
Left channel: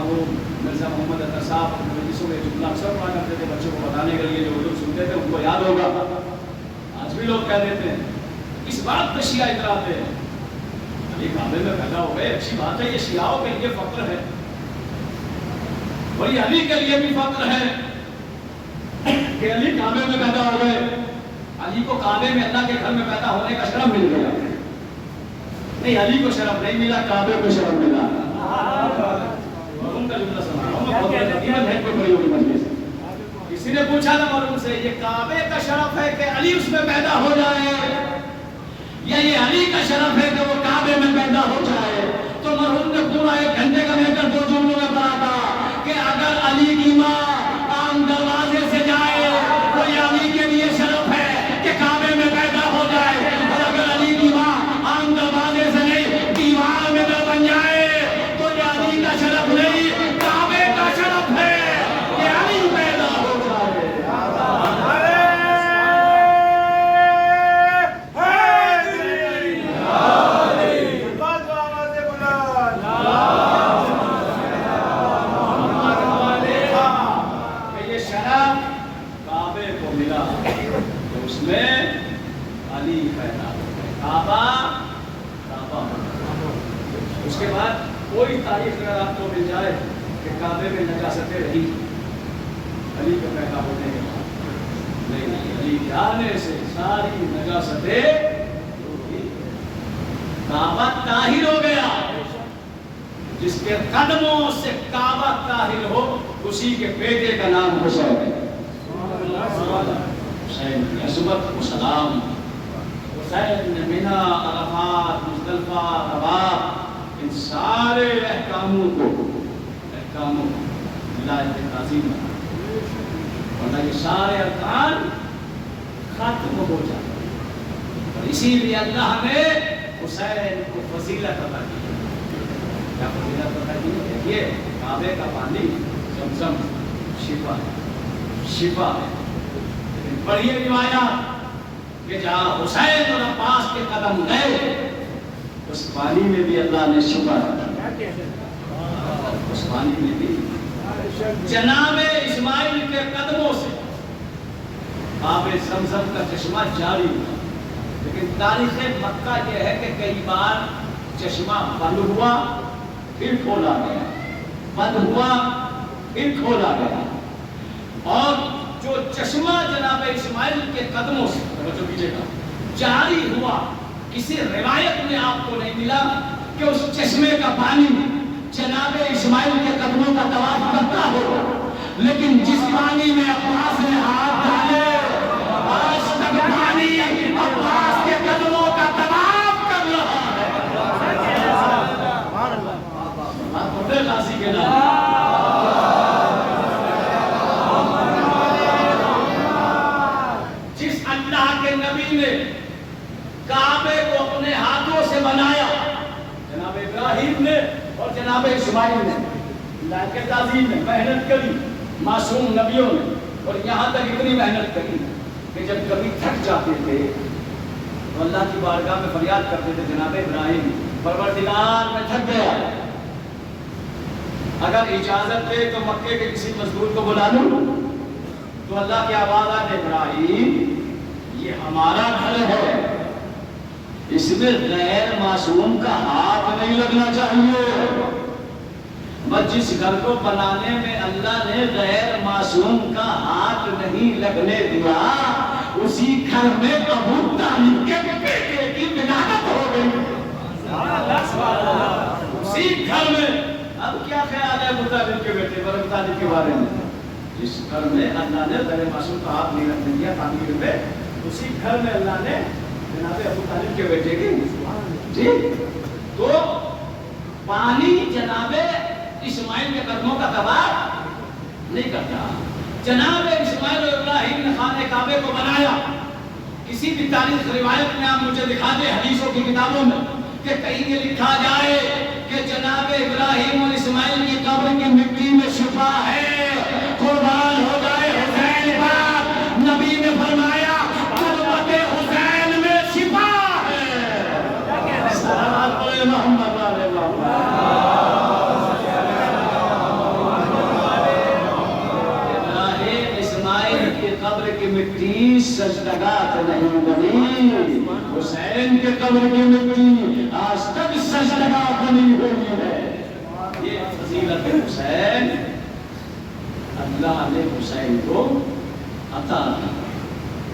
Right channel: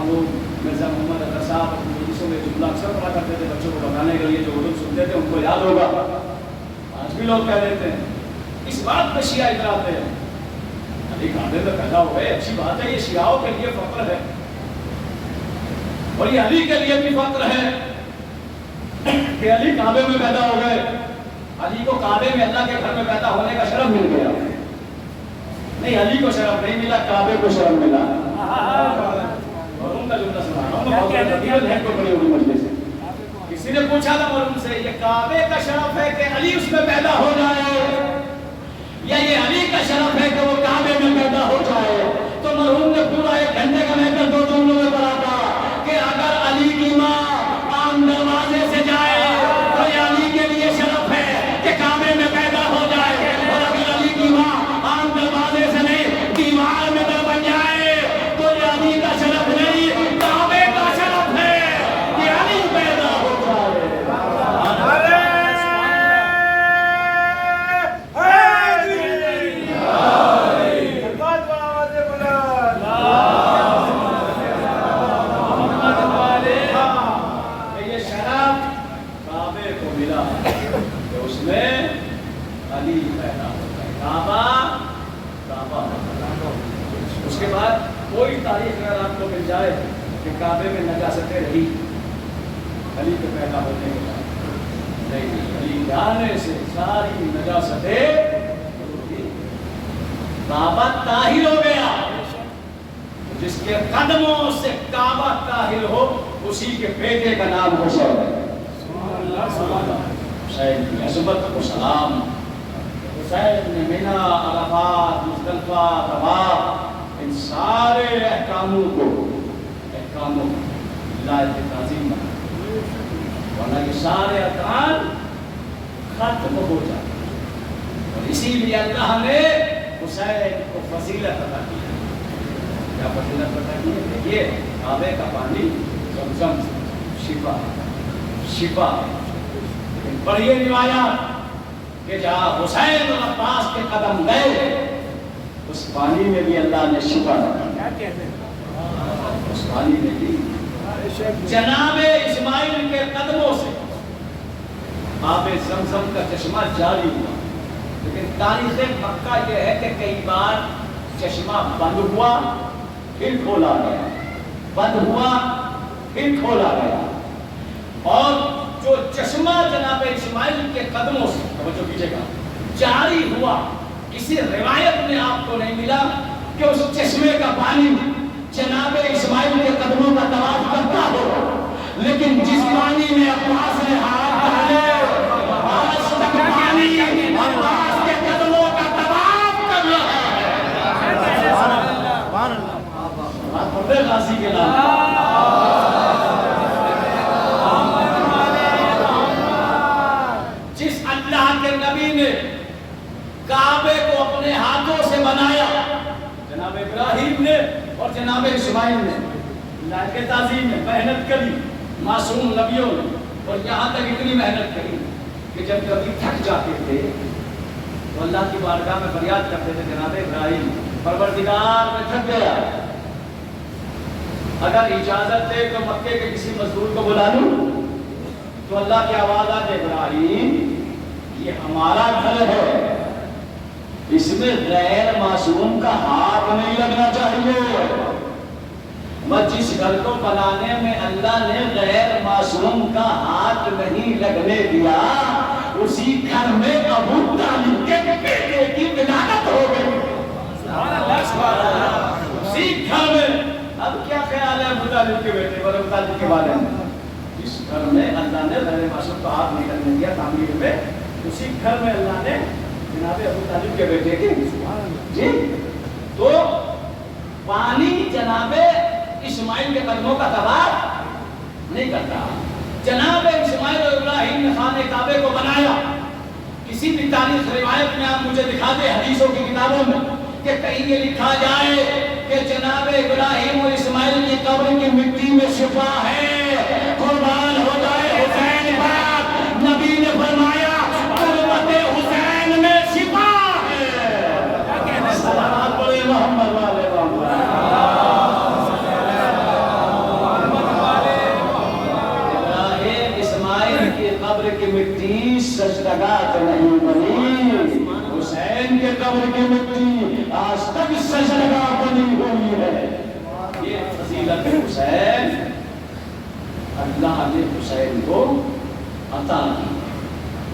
مرزا محمد اطہر صاحب اپنے مجلسوں میں جملہ اکثر پڑھا کرتے تھے بچوں کو بتانے کے لیے، جو اردو سنتے تھے ان کو یاد ہوگا، آج بھی لوگ کہہ دیتے ہیں۔ اس بات پہ شیعہ اتراتے ہیں، علی کعبے میں پیدا ہو گئے، اچھی بات ہے، یہ شیعوں کے لیے فخر ہے، اور یہ علی کے لیے بھی فخر ہے کہ علی کعبے میں پیدا ہو گئے۔ علی کو کعبے میں اللہ کے گھر میں پیدا ہونے کا شرف مل گیا، نہیں علی کو شرف نہیں ملا، کعبے کو شرف ملا۔ کا جملہ سنا رہا ہوں، بہت تقریباً ہے کوئی بڑی ہوگی مجلس سے۔ کسی نے پوچھا تھا مرحوم سے، یہ کعبے کا شرف ہے کہ علی اس میں پیدا ہو جائے، یا یہ علی کا شرف ہے کہ وہ کعبے میں پیدا ہو جائے؟ تو مرحوم نے پورا 1 گھنٹے کا محنت 2 جملوں میں پڑھا تھا کہ اگر علی کی ماں عام دروازے سے جائے تو یہ علی کے لیے شرف ہے کہ کعبے میں پیدا ہو جائے، اور اگر علی کی ماں عام دروازے سے نہیں دیوار میں نہ بن جائے تو یہ علی کا شرف نہیں، کعبے کا شرف ہے کہ علی پیدا ہو جائے۔ یہ شرف کعبے کو ملا کہ اس میں علی پیدا ہو جائے۔ کعبہ کعبہ. اس کے بعد کوئی تاریخ اگر آپ کو مل جائے کہ کعبے میں نجاستیں رہی علی کے پیدا ہونے کے بعد، نہیں، علی جانے سے ساری نجاستیں، کعبہ طاہر ہو گیا. جس کے قدموں سے کعبہ طاہر ہو اسی کے بیٹے کا نام حسین ہے. حسین کی عظمت کو سلام. حسین نے مینا، عرفات، مزدلفہ، طواف، ان سارے احکاموں کو ولایت تعظیم بنا، ورنہ یہ سارے ارکان ختم ہو جاتے. اور اسی لیے اللہ نے حسین کو فضیلت عطا کی. کیا فضیلت عطا کی ہے؟ دیکھیے کعبے کا پانی زمزم شفا ہے. لیکن پڑھیے روایات کہ جہاں حسین اور عباس کے قدم گئے اس پانی میں بھی اللہ نے شفا دی. اس پانی میں بھی جناب اسماعیل کے قدموں سے آب زمزم کا چشمہ جاری ہوا. لیکن تاریخ مکہ یہ ہے کہ کئی بار چشمہ بند ہوا پھر کھولا گیا، بند ہوا پھر کھولا گیا. اور جو چشمہ جناب اسماعیل کے قدموں سے توجہ کیجیے گا جاری ہوا، کسی روایت میں آپ کو نہیں ملا کہ اس چشمے کا پانی جناب اسماعیل کے قدموں کا طواف کرتا ہو. لیکن جس پانی میں عباس نے ہاتھ ڈالے آج تک پانی عباس کے قدموں کا طواف کر رہا ہے. غازی کے نام جس اللہ کے نبی نے کعبے کو اپنے ہاتھوں سے بنایا، جناب ابراہیم نے اور جناب اسماعیل نے اللہ کے تعظیم میں محنت کری، معصوم نبیوں نے. اور یہاں تک اتنی محنت کری کہ جب کبھی تھک جاتے تھے تو اللہ کی بارگاہ میں فریاد کرتے تھے جناب ابراہیم پروردگار میں تھک گیا، اگر اجازت دے تو مکے کے کسی مزدور کو بلا لوں. تو اللہ کی آواز آئے ابراہیم یہ ہمارا گھر ہے، اس میں غیر معصوم کا ہاتھ نہیں لگنا چاہیے. بس جس گھر کو بنانے میں اللہ نے غیر معصوم کا ہاتھ نہیں لگنے دیا اسی گھر میں ابو طالب کے بیٹے کی ولادت ہو گئی. اسی گھر میں اب کیا خیال ہے ابو طالب کے بیٹے پر، ابو طالب کے بارے میں؟ جس گھر میں اللہ نے غیر معصوم کا ہاتھ نہیں لگنے دیا تعمیر میں، اسی گھر میں اللہ نے جناب ابو طالب کے بیٹے کی جی. تو پانی جناب اسماعیل کے قدموں کا طواف نہیں کرتا. جناب اسماعیل اور ابراہیم نے خانہ کعبے کو بنایا. کسی بھی تاریخ روایت میں آپ مجھے دکھا دیں حدیثوں کی کتابوں میں کہ کہیں یہ لکھا جائے کہ جناب ابراہیم اور اسماعیل کی قبر کی مٹی میں شفا ہے. قربان ہو جائے حسین پاک، نبی نے فرمایا قربت حسین میں شفا ہے. صلوات محمد علیہ وسلم. قبر کی مٹی سجدگاہ تو نہیں بنی، حسین کے قبر کی مٹی آج تک سجدگاہ بنی ہوئی ہے. یہ فضیلت حسین اللہ نے حسین کو عطا کی.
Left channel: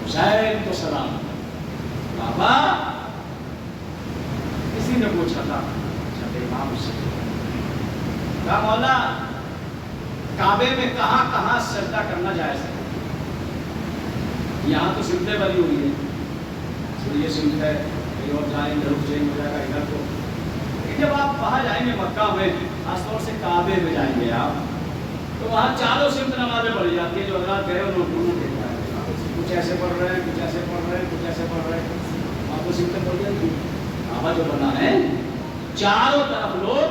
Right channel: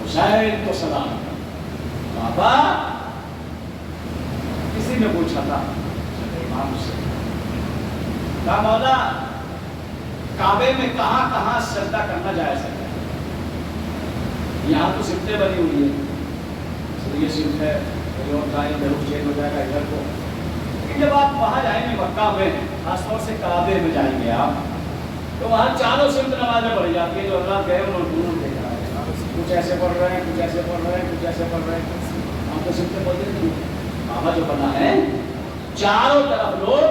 حسین کو سلام. بابا کسی نے پوچھا تھا امام سے، کہا مولا کعبے میں کہاں کہاں سجدہ کرنا جائز ہے؟ یہاں تو سمتیں بنی ہوئی ہیں، یہ سمت ہے، کہیں اور جائیں گے روح چینج ہو جائے گا ادھر کو. لیکن جب آپ وہاں جائیں گے مکہ میں، خاص طور سے کعبے میں جائیں گے آپ، تو وہاں چاروں سمت نمازیں پڑھی جاتی ہیں. جو اللہ گئے انہوں دونوں دیکھا ہے، کچھ ایسے پڑھ رہے ہیں، کچھ ایسے پڑھ رہے ہیں، کچھ ایسے پڑھ رہے ہیں. آپ کو سمتیں پڑھی جاتی ہیں. کعبہ جو بنا ہے چاروں طرف لوگ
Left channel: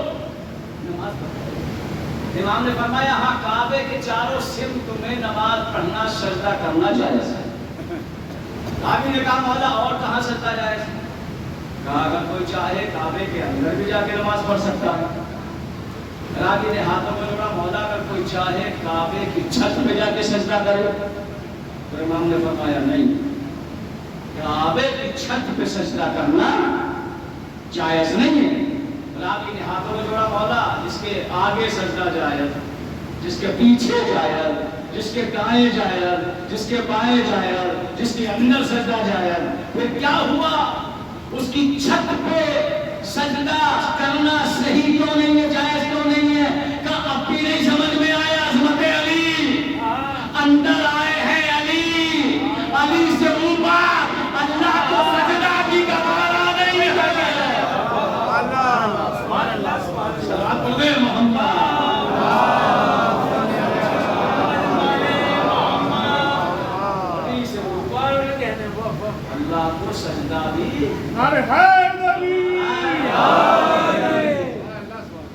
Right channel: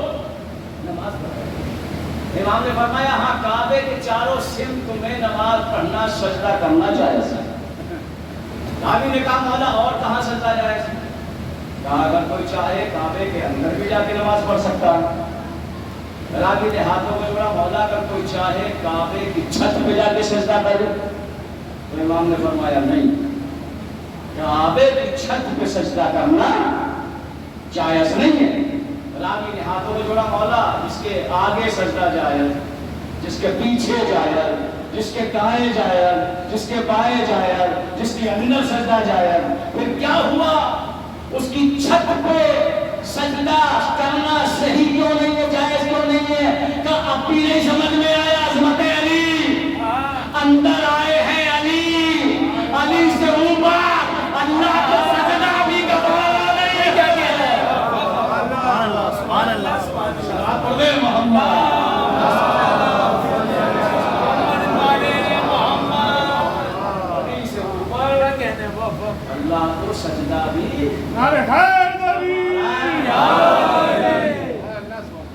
نماز پڑھ رہے ہیں. امام نے فرمایا ہاں کعبے کے چاروں سمت میں نماز پڑھنا سجدہ کرنا جائز ہے. راوی نے کہا مولا اور کہاں سجدہ جائز ہے؟ کہا اگر کوئی چاہے کعبے کے اندر بھی جا کے نماز پڑھ سکتا ہے. راوی نے ہاتھوں میں جوڑا مولا اگر کوئی چاہے کعبے کی چھت پہ جا کے سجدہ کرے. تو امام نے فرمایا نہیں، کعبے کی چھت پہ سجدہ کرنا جائز نہیں ہے۔ راوی نے ہاتھوں میں جوڑا مولا جس کے آگے سجدہ جائز، جس کے پیچھے جائز، جس کے دائیں جائز، جس کے بائیں جائز، جس کے اندر سجدہ جائز۔ پھر کیا ہوا؟ اس کی چھت پہ سجدہ کرنا صحیح کیوں نہیں ہے، جائز کیوں نہیں ہے؟ کہ اب بھی نہیں سمجھ میں آیا عظمت علی، اندر آئے ہیں علی، علی سے اوپر اللہ کو سجدہ بھی گوارا نہیں ہے۔ صلوات پڑھ دے محمد۔ اللہ کو سجدہ بھی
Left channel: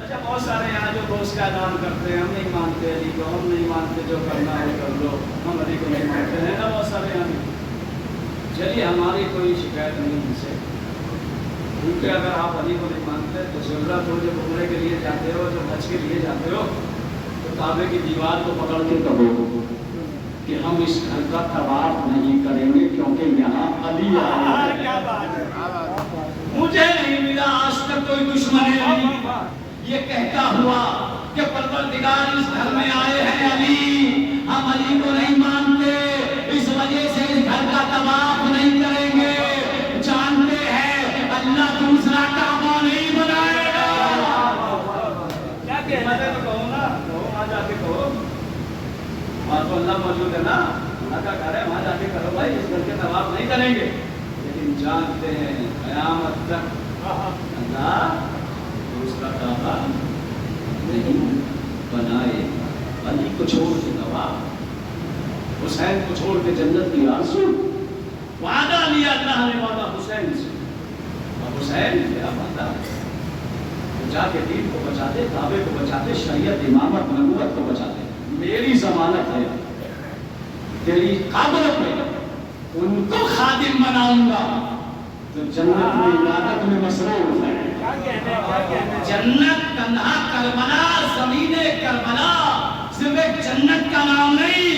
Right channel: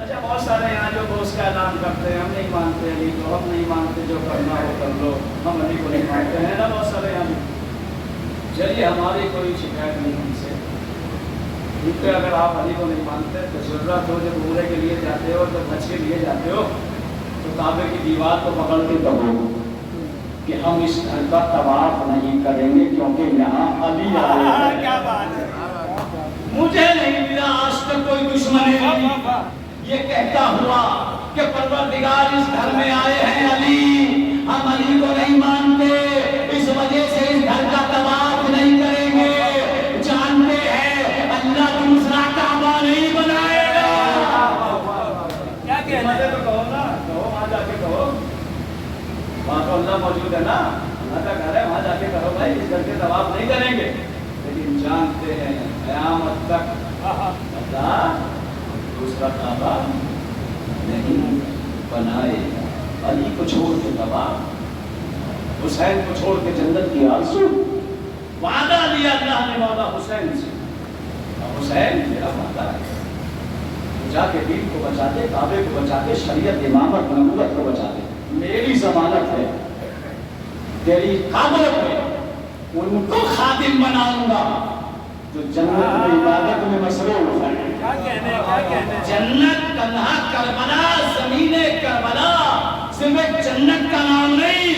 اچھا بہت سارے یہاں جو دوست کا اعلان کرتے ہیں ہم نہیں مانتے علی کو، ہم نہیں مانتے، جو کرنا ہو کر لو، ہم علی کو نہیں مانتے ہیں نا، بہت سارے یہاں بھی۔ چلیے ہماری کوئی شکایت نہیں ان سے، کیونکہ اگر آپ علی کو نہیں مانتے تو ضرورت ہو جب عمرے کے لیے جاتے ہو، جب حج کے لیے جاتے ہو تو کعبے کی دیوار کو پکڑ کے کہو کہ ہم اس گھر کا طواف نہیں کریں گے کیونکہ یہاں علی آئے ہیں۔ مجھے نہیں ملا آج تک کوئی دشمن نہیں یہ کہتا ہوا کہ پروردگار اس گھر میں آئے ہیں علی، ہم علی کو نہیں مانتے، اس وجہ سے اس گھر کا طواف نہیں کریں گے، جانتے ہیں اللہ دوسرا کعبہ نہیں بنائے گا۔ کیا کہتے ہیں؟ کہو نا، کہو وہاں جا کے کہو، وہاں تو اللہ موجود ہے نا، اللہ کا گھر ہے، وہاں جا کے کرو بھائی اس گھر کے طواف نہیں کریں گے، لیکن جانتے ہیں قیامت تک اللہ دوسرا کعبہ نہیں بنائے گا۔ علی کو چھوڑ کے طواف، حسین کو چھوڑ کے جنت کی آرزو، وعدہ لیا اللہ نے مولا حسین سے، اب حسین میرا وعدہ ہے، جا کے دین کو بچا دے، کعبے کو بچا دے، شریعت امامت نبوت کو بچا دے، میری ضمانت ہے، تیری قبر پہ ان کو خادم بناؤں گا تو جنت میں عبادت میں مصروف ہے۔ جنت تنہا کربلا، زمین کربلا صرف ایک جنت کا نام نہیں،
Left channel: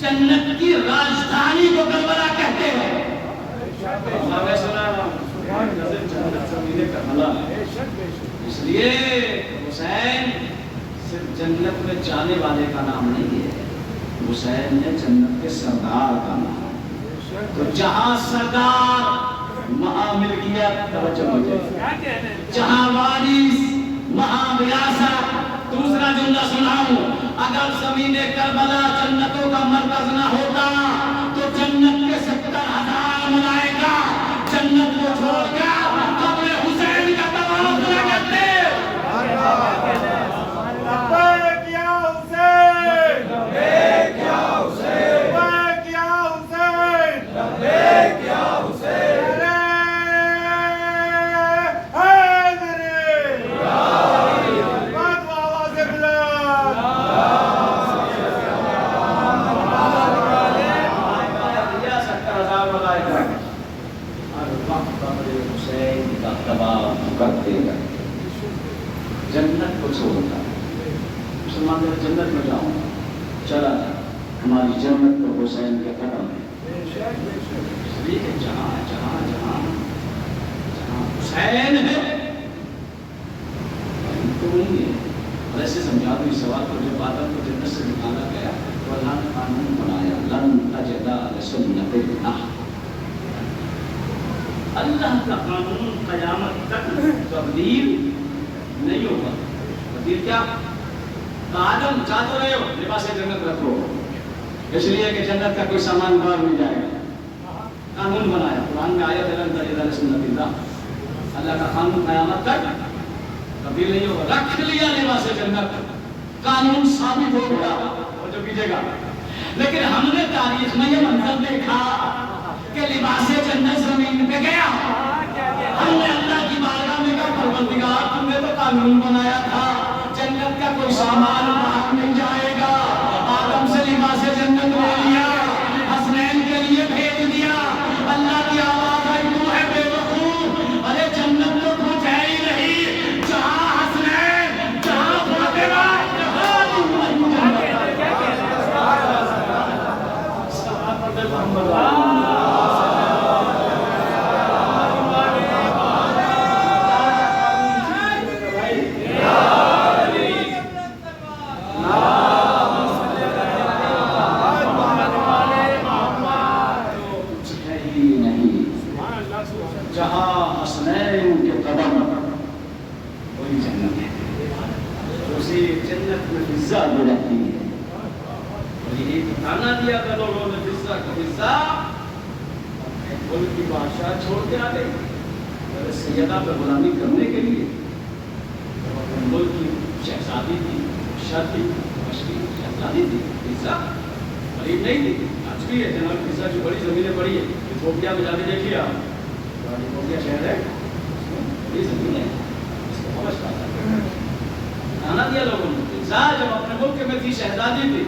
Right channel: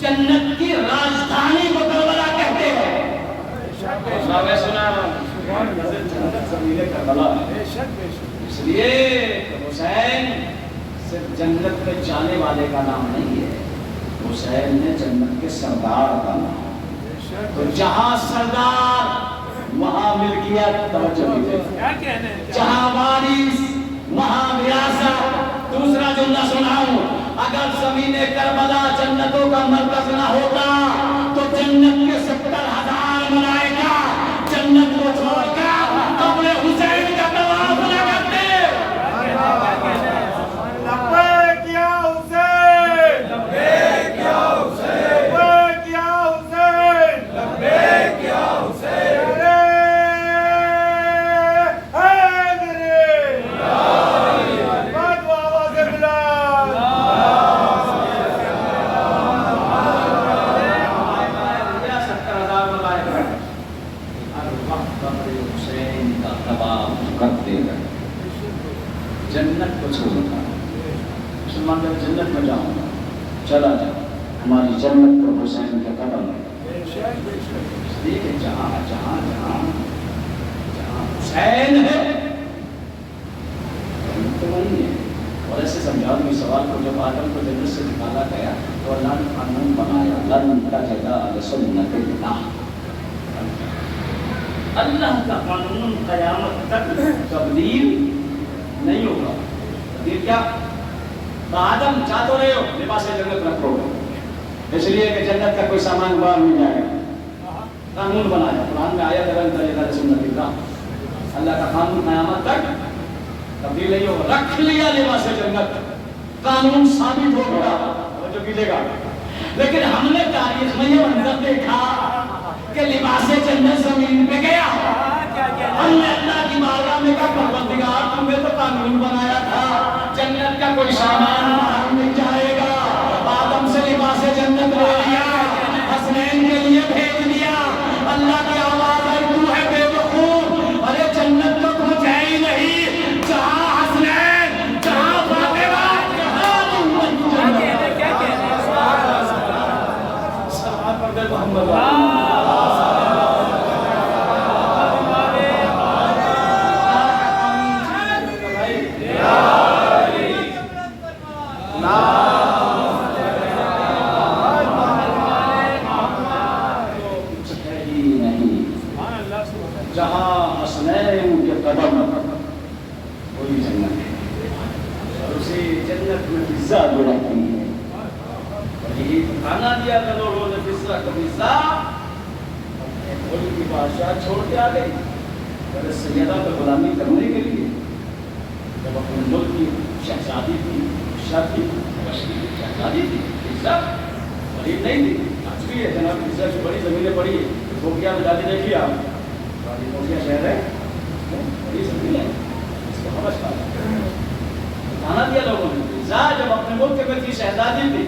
جنت کی راجدھانی کو کربلا کہتے ہیں۔ جنت زمین کربلا ہے، اس لیے حسین صرف جنت میں جانے والے کا نام نہیں ہے، حسین نے جنت کے سردار کا نام، تو جہاں سردار وہاں ملکیت، جہاں وارث وہاں ریاست۔ دوسرا جملہ سناؤں، اگر زمین کربلا جنتوں کا مرکز نہ ہوتا تو جنت کے 70,000 ملائکہ جنت کو چھوڑ کر قبر حسین کا طواف نہ کرتے۔ جنت کو چھوڑتا مسلمان جب جنت میں جاؤں گا، چلا جا ہماری جنت کو حسین کے قدم ہے، اس لیے کہ جہاں جہاں جہاں جہاں حسین ہے تو ہوں گے۔ اور ایسے سمجھا دوں اس سوال کو، جب آدم کو جنت سے نکالا گیا تو اللہ نے قانون بنایا، لن تجد لسنت اللہ، اللہ کا قانون قیامت تک تبدیل نہیں ہوگا۔ یہ کیا آدم چاہ تو رہے ہو لباس جنت رکھ لو، اس لیے کہ جنت کا کوئی سامان باہر مل جائے گا، قانون بنایا، قرآن میں آیا لن تجد لسنت اللہ، اللہ کا قانون قیامت تک تبدیل نہیں ہوگا، رکھ لیا لباس جنت، قانون ثابت ہو گیا، وہ جو کیجیے گا۔ لیکن ہم نے تاریخ میں یہ منظر دیکھا کہ لباس جنت زمین پہ گیا، ہم نے اللہ کی بارگاہ میں کہا پروردگار تم نے تو قانون بنایا تھا جنت کا کوئی سامان باہر نہیں جائے گا، آدم سے لباس جنت لے لیا، حسنین کے لیے بھیج دیا، اللہ کی آواز آئی تو ہے بے وقوف، ارے جنت تو کچھ ہے ہی نہیں، جہاں حسنین جہاں فاطمہ جہاں محمد فضا اپنے ملک کی بادشاہ چھوڑ کے آ گئی حضرت سیدہ پہ غلامی کرنے کے لیے. جب اپنے ملک کی شہزادی تھی شادی مشکی شہزادی تھی فضا غریب نہیں تھی. آج بھی ہے جناب فضا کی بڑی زمینیں پڑی ہے. ایتھوپیا میں جا کے دیکھیے آپ, ایتھوپیا شہر ہے اس میں بڑی زمین ہے, اس کو سمجھ پاتا بتانا دیا لوگوں نے. فضا جب اپنے ملک میں تھی شہزادی تھی,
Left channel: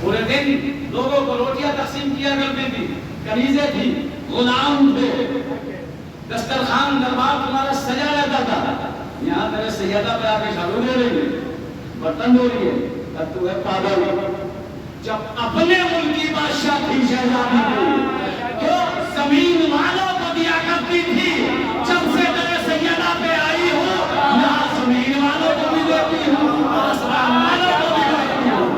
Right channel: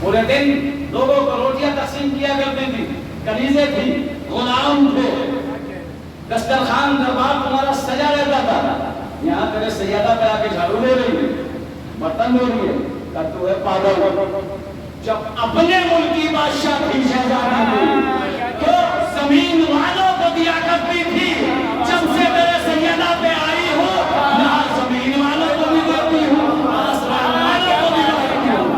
پورے دن لوگوں کو روٹیاں تقسیم کیا کرتی تھی, کنیزیں تھیں, غلام تھے, دسترخوان دربار تمہارا سجا رہتا تھا. یہاں تیرے سیدہ پہ آ کے جھاڑو دے رہی ہے, برتن دھو رہی ہے, تب تو ہے پاگل. جب اپنے ملک کی بادشاہ تھی شہزادی تھی تو زمین والوں کو دیا کرتی تھی. جب سے تیرے سیدہ پہ آئی ہو یہاں زمین والوں کو بھی دیتی ہوں, آسمان والوں کو بھی دیتی ہوں.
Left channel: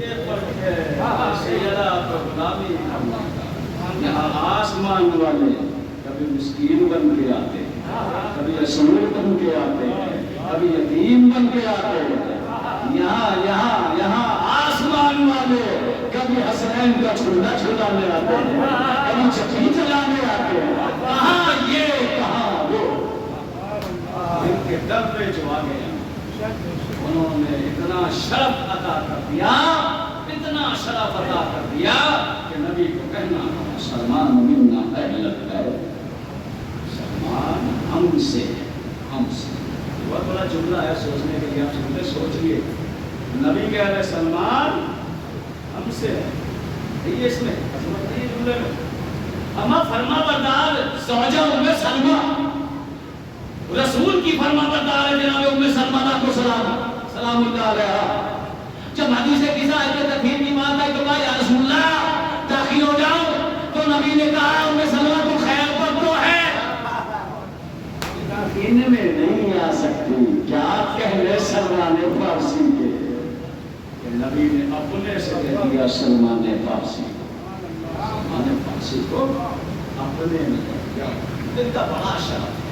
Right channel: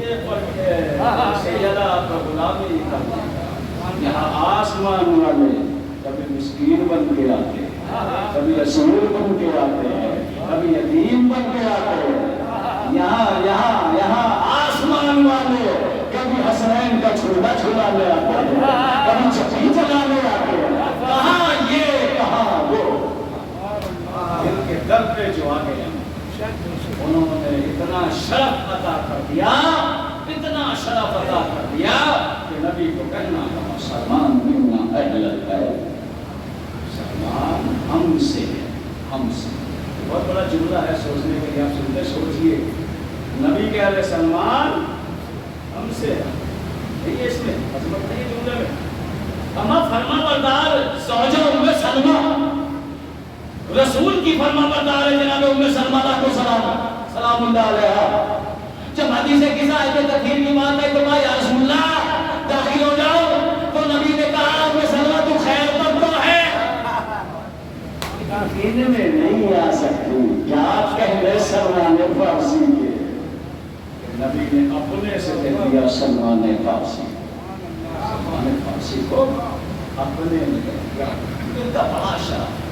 یہ فرق ہے سیدہ پر غلامی کرنا. یہاں آسمان والے کبھی مسکین بن کے آتے ہیں, کبھی اسیر بن کے آتے ہیں, کبھی یتیم بن کے آتے ہیں. یہاں آسمان والے کبھی حسنین کا جھولا جھولانے آتے ہیں, کبھی چکی چلانے آتے ہیں. کہاں یہ کہاں وہ, ان کے در پہ جو آ گیا انہوں نے اتنا شرف عطا کر دیا, اتنا شرف عطا کر دیا کہ نبی کو کہنا سلمان منا اہل البیت, سلمان ہم سے ہے, ہم سے. بہت بڑا جملہ ہے سوچنے کے لیے, آپ سنتے سوچئے. نبی کہہ رہے سلمان ہم سے ہے, یہ اس میں عظمت نہیں جملے میں. اما فرما بردار زوجہ ام سلمہ, رسول کی فرما بردار ہے جناب ام سلمہ کو سلام اللہ علیہا. جب حدیث قصہ آئے تطہیر کی بات آئی تو کہا یا رسول اللہ داخل ہو جاؤ, تو نبی نے کہا ام سلمہ تو خیر پر تو ہے, داخل میں نہیں آ سکتی. کیا آپ کہہ رہے سلمان فارسی کے, نبی نے اپنے سے کہہ دیا سلمان فارسی. سلمان فارسی کو اپنے نے کہہ دیا, ان کا بڑا شرف ہے.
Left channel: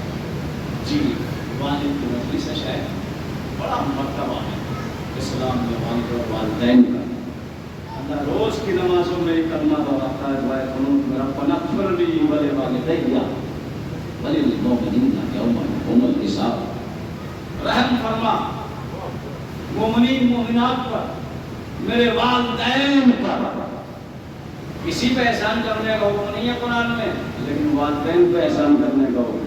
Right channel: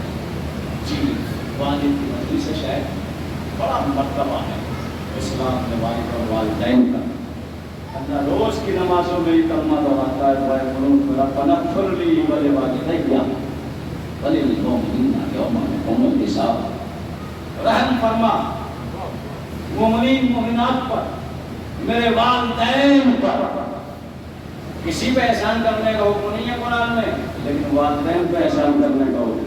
جی والد کی مجلس شاید بڑا مرتبہ ہے اسلام میں والد اور والدین کا. اللہ روز کی نمازوں میں کلمہ دہراتا ہے, ربنا اغفر لی ولوالدی وللمؤمنین یوم یقوم الحساب. رحم فرما مومنین مومنات پر, میرے والدین پر. کسی پہ احسان کرنے کا حکم نہیں ہے قرآن میں, لیکن والدین پہ احسان کرنے کا حکم.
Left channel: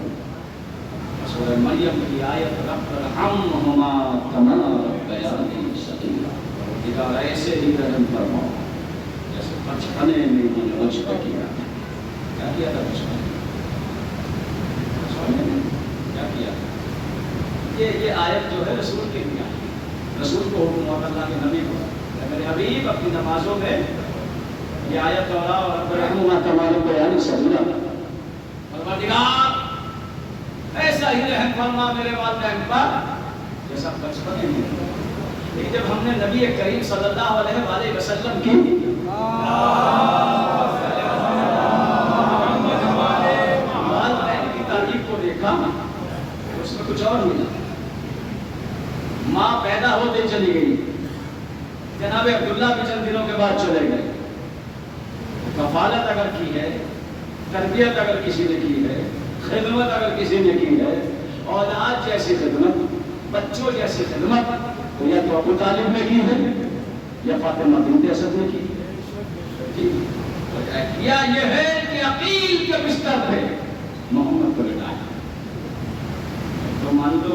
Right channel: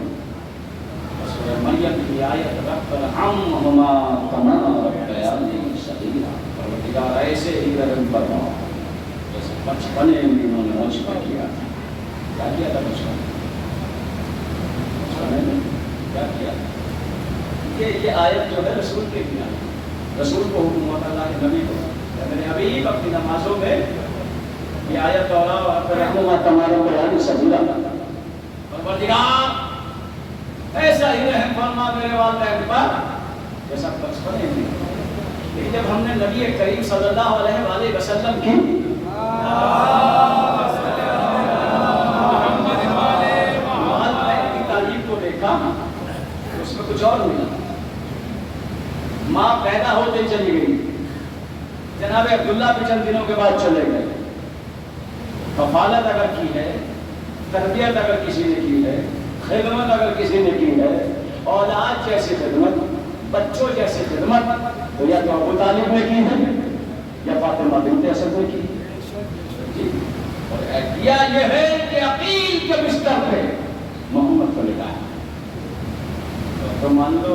سورہ مریم کی آیت رب ارحمہما کما ربیانی صغیرا, پروردگار ایسے ہی رحم فرماؤ جیسے بچپنے میں انہوں نے مجھ پر کیا. کیا کیا تھا بچپن میں, کیا کیا؟ یہ آیت جو ہے رسول کے لیے آئی. رسول کو حکم ہوتا اللہ کے نبی کو, میرے حبیب اپنی نمازوں میں یہ آیت دہراؤ اور رحمہما کما ربیانی صغیرا. پروردگار ایسا ہی رحم فرما میرے والدین پر جیسا بچپنے میں. لیکن جب ہم نے نبی کریم صلی اللہ علیہ وآلہ وسلم کی والدین کی تعریف کو دیکھا, اس میں کچھ اور نہیں تھا. ماں پیدا ہوتے چلی گئی, جناب عبداللہ بھی چند دنوں کے بعد چلے گئے. کفالت اگر کی ہے, تربیت اگر کسی نے کی ہے, خدمت اگر کسی نے کی ہے, اولاد جیسی خدمت, بچوں جیسی خدمت, تو یا تو ابو طالب نے کی ہے یا فاطمہ بنت اسد نے کی ہے. کیا یہ ہے کہ عقیل کے بستر پہ محمد کو لٹایا. تو مان لو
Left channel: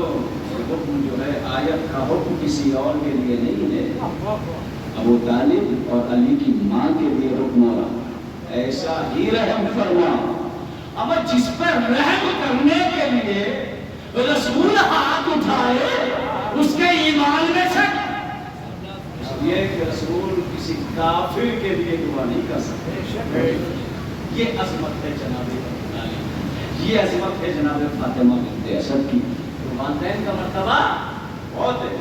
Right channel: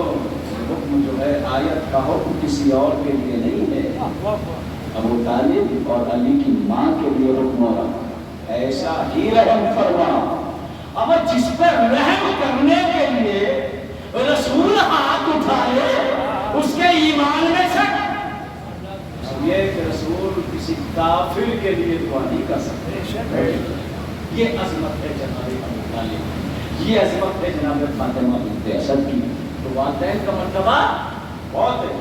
حکم جو ہے آیت کا حکم کسی اور کے لیے نہیں ہے, ابو طالب اور علی کی ماں کے لیے حکم ہو رہا. ایسا ہی رحم فرما. اب جس پر رحم کرنے کے لیے رسول ہاتھ اٹھائے اس کے ایمان میں شک, یہ کہ رسول کسی کافر کے لیے دعا نہیں کر سکتے. یہ عظمت ہے جناب ابو طالب, یہ عظمت ہے جناب فاطمہ بنت اسد کی. تو والدین کا مرتبہ بہت ہے.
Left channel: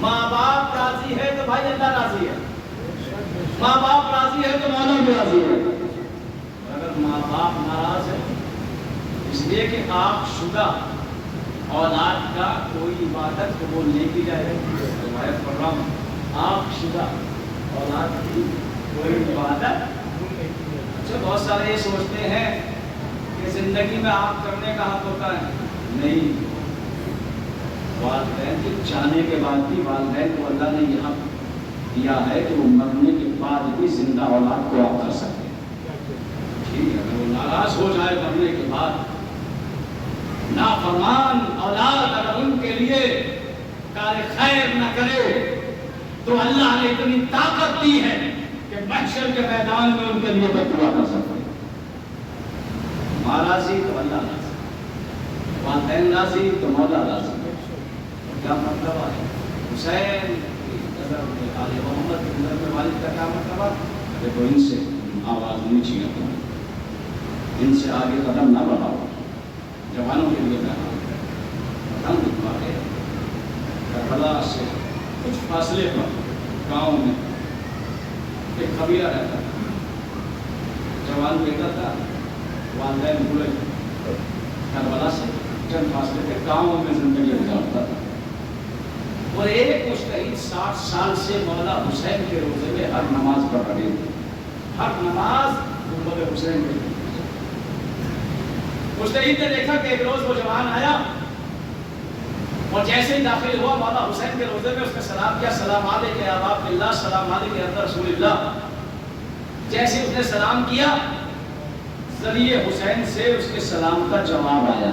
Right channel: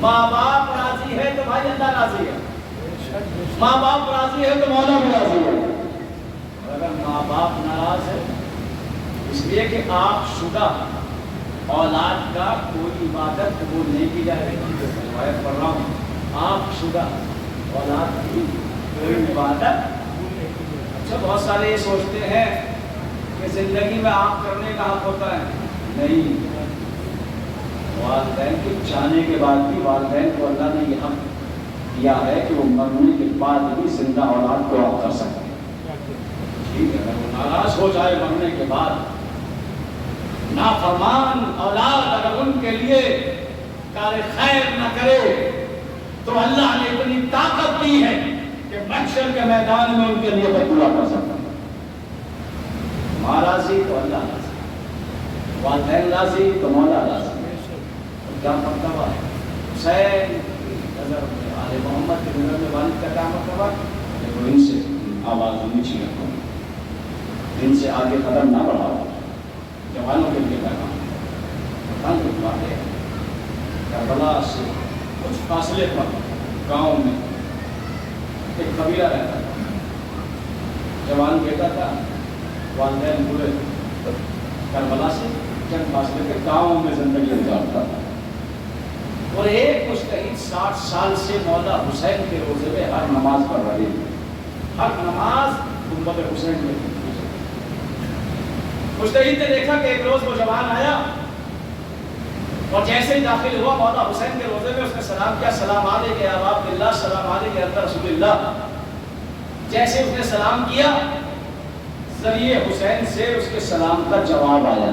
ماں باپ راضی ہے تو بھائی اللہ راضی ہے, ماں باپ راضی ہے تو مولا بھی راضی ہے. اگر ماں باپ ناراض ہے اس لیے کہ آپ شدہ اولاد کا کوئی عبادت قبول نہیں کی جائے گی, آیت پڑھ رہا ہوں، آنکھ شدہ اولاد کی کوئی عبادت۔ اچھا بہت سارے یہ سوچتے ہیں کہ زندگی میں آنکھ کرنے کا حق ہوتا ہے، نہیں، والدین کے جانے کے بعد بھی والدین کو اللہ نے یہ حق دیا ہے کہ وہ مرنے کے بعد بھی زندہ اولاد کو آپ کر سکتے ہیں۔ ٹھیک ہے، اگر وہ ناراض ہو جائے مرنے کے بعد، نافرمان اولاد اگر ان کے لیے کار خیر نہ کرے تو اللہ نے اتنی طاقت دی ہے کہ محشر کے میدان میں ان کے لیے دعا کر سکتا ہے۔ ماں راضی تو اللہ راضی، والدین راضی تو مولا راضی۔ کیا مطلب ہے؟ حسین کی نظر میں، آل محمد کی نظر میں والد کا کیا مطلب ہے؟ دیکھو ان سے آواز نیچی رکھو، ان سے آگے قدم نہ بڑھاؤ۔ جوانوں کے لیے پیغام ہے، کربلا سے کچھ فاصلے پر گاؤں میں ایک قبیلہ رہتا تھا، جوان بیٹا تھا، والدین بوڑھے، کربلا سے چند فاصلے پہ گاؤں میں زندگی گزارتا تھا، اور ایک مجتہد 60 سال سے مولا حسین کے روزے میں ہر نماز پڑھ رہی تھی، ہر نماز امت حسین میں تھی۔ مجتہد نے دیکھا کہ ایک روز وہ جوان آیا اور جیسے ہی داخل ہوا مولا حسین کے روزے میں اس نے سلام کیا، سلام علیک یا ابا عبد اللہ، سلام علیک یا ابا رسول اللہ۔ جیسے اس نے سلام کیا، ذریعے حسین سے اس کے سلام کا جواب آیا۔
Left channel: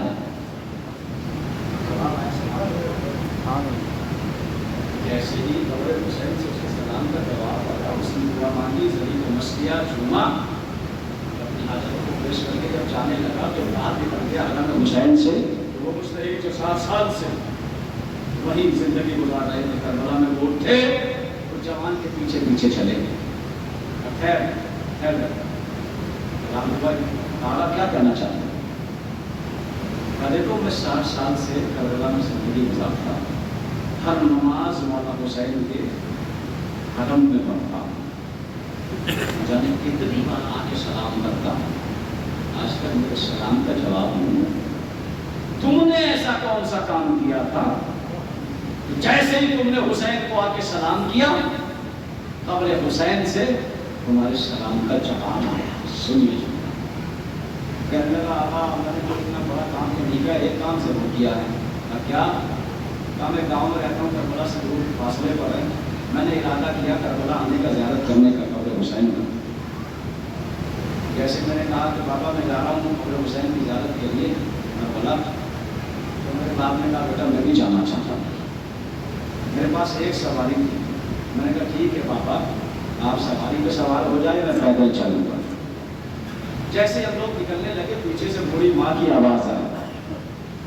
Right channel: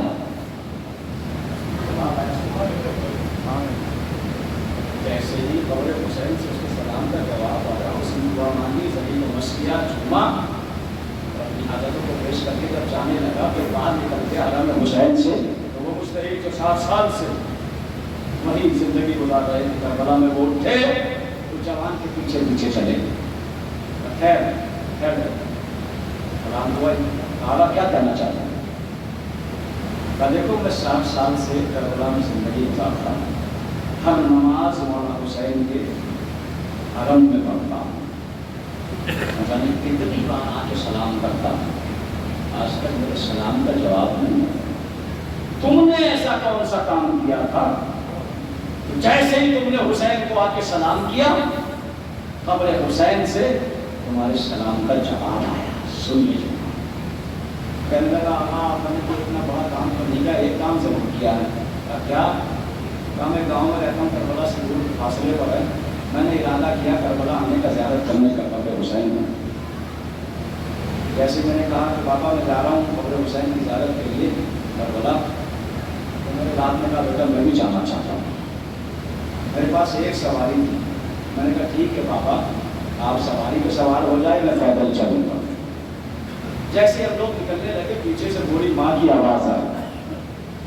جیسے ہی قبر حسین سے اس کے سلام کا جواب آیا، اس نے دعا مانگی، ذریعے کو مس کیا، جھوما، اپنی حاجتوں کو پیش کر کے جب جانے لگا کہ باہر نکل کے حرم حسین سے، تو وہ مجتہد جو 60 سال سے وہی زندگی گزار رہے تھے کربلا میں، وہ اٹھے تو جوان کے پیچھے پیچھے چلے گئے۔ خیر کلام ہوا، کہا کیا کہنا چاہتا ہوں؟ دیکھو میں 60 سال سے کربلا میں زندگی گزارتا ہوں، ہر نماز مولا حسین کے حرم میں پڑھتا ہوں، جانے کتنی بار آ کے سلام کرتا ہوں، آج تک میرے سلام کا جواب نہیں ہے۔ تم نے ایسا کون سا کام کیا تھا؟ جیسے ہی تم نے حسین کو آ کے سلام کیا، قبر حسین سے تمہارے سلام کا جواب آیا، سن لیجیے۔ کہنے لگا میں نے تو اتنا بڑا کام تو نہیں کیا، ایک کام ضرور کیا ہے۔ کیا؟ میں گاؤں میں رہتا ہوں، کربلا سے دور فاصلے پر ہے، میں نے ارادہ کیا کربلا آنے کا، زیارت کرنے کا قبر حسین کا۔ جیسے میں نے کہا کہ بابا میں جا رہا ہوں قبر حسین کی زیارت کے لیے کربلا، تو میرے باپ نے کہا بیٹا میں بھی جانا چاہتا ہوں۔ میرے پاس ایک سواری تھی، میں نے کہا ٹھیک ہے بابا، آپ سواری پہ سوار ہو جائے، میں پیدل چلوں گا۔ جیسے ہم لوگ نکلنے لگے، پیچھے سے بوڑھی ماں کی آواز آئی،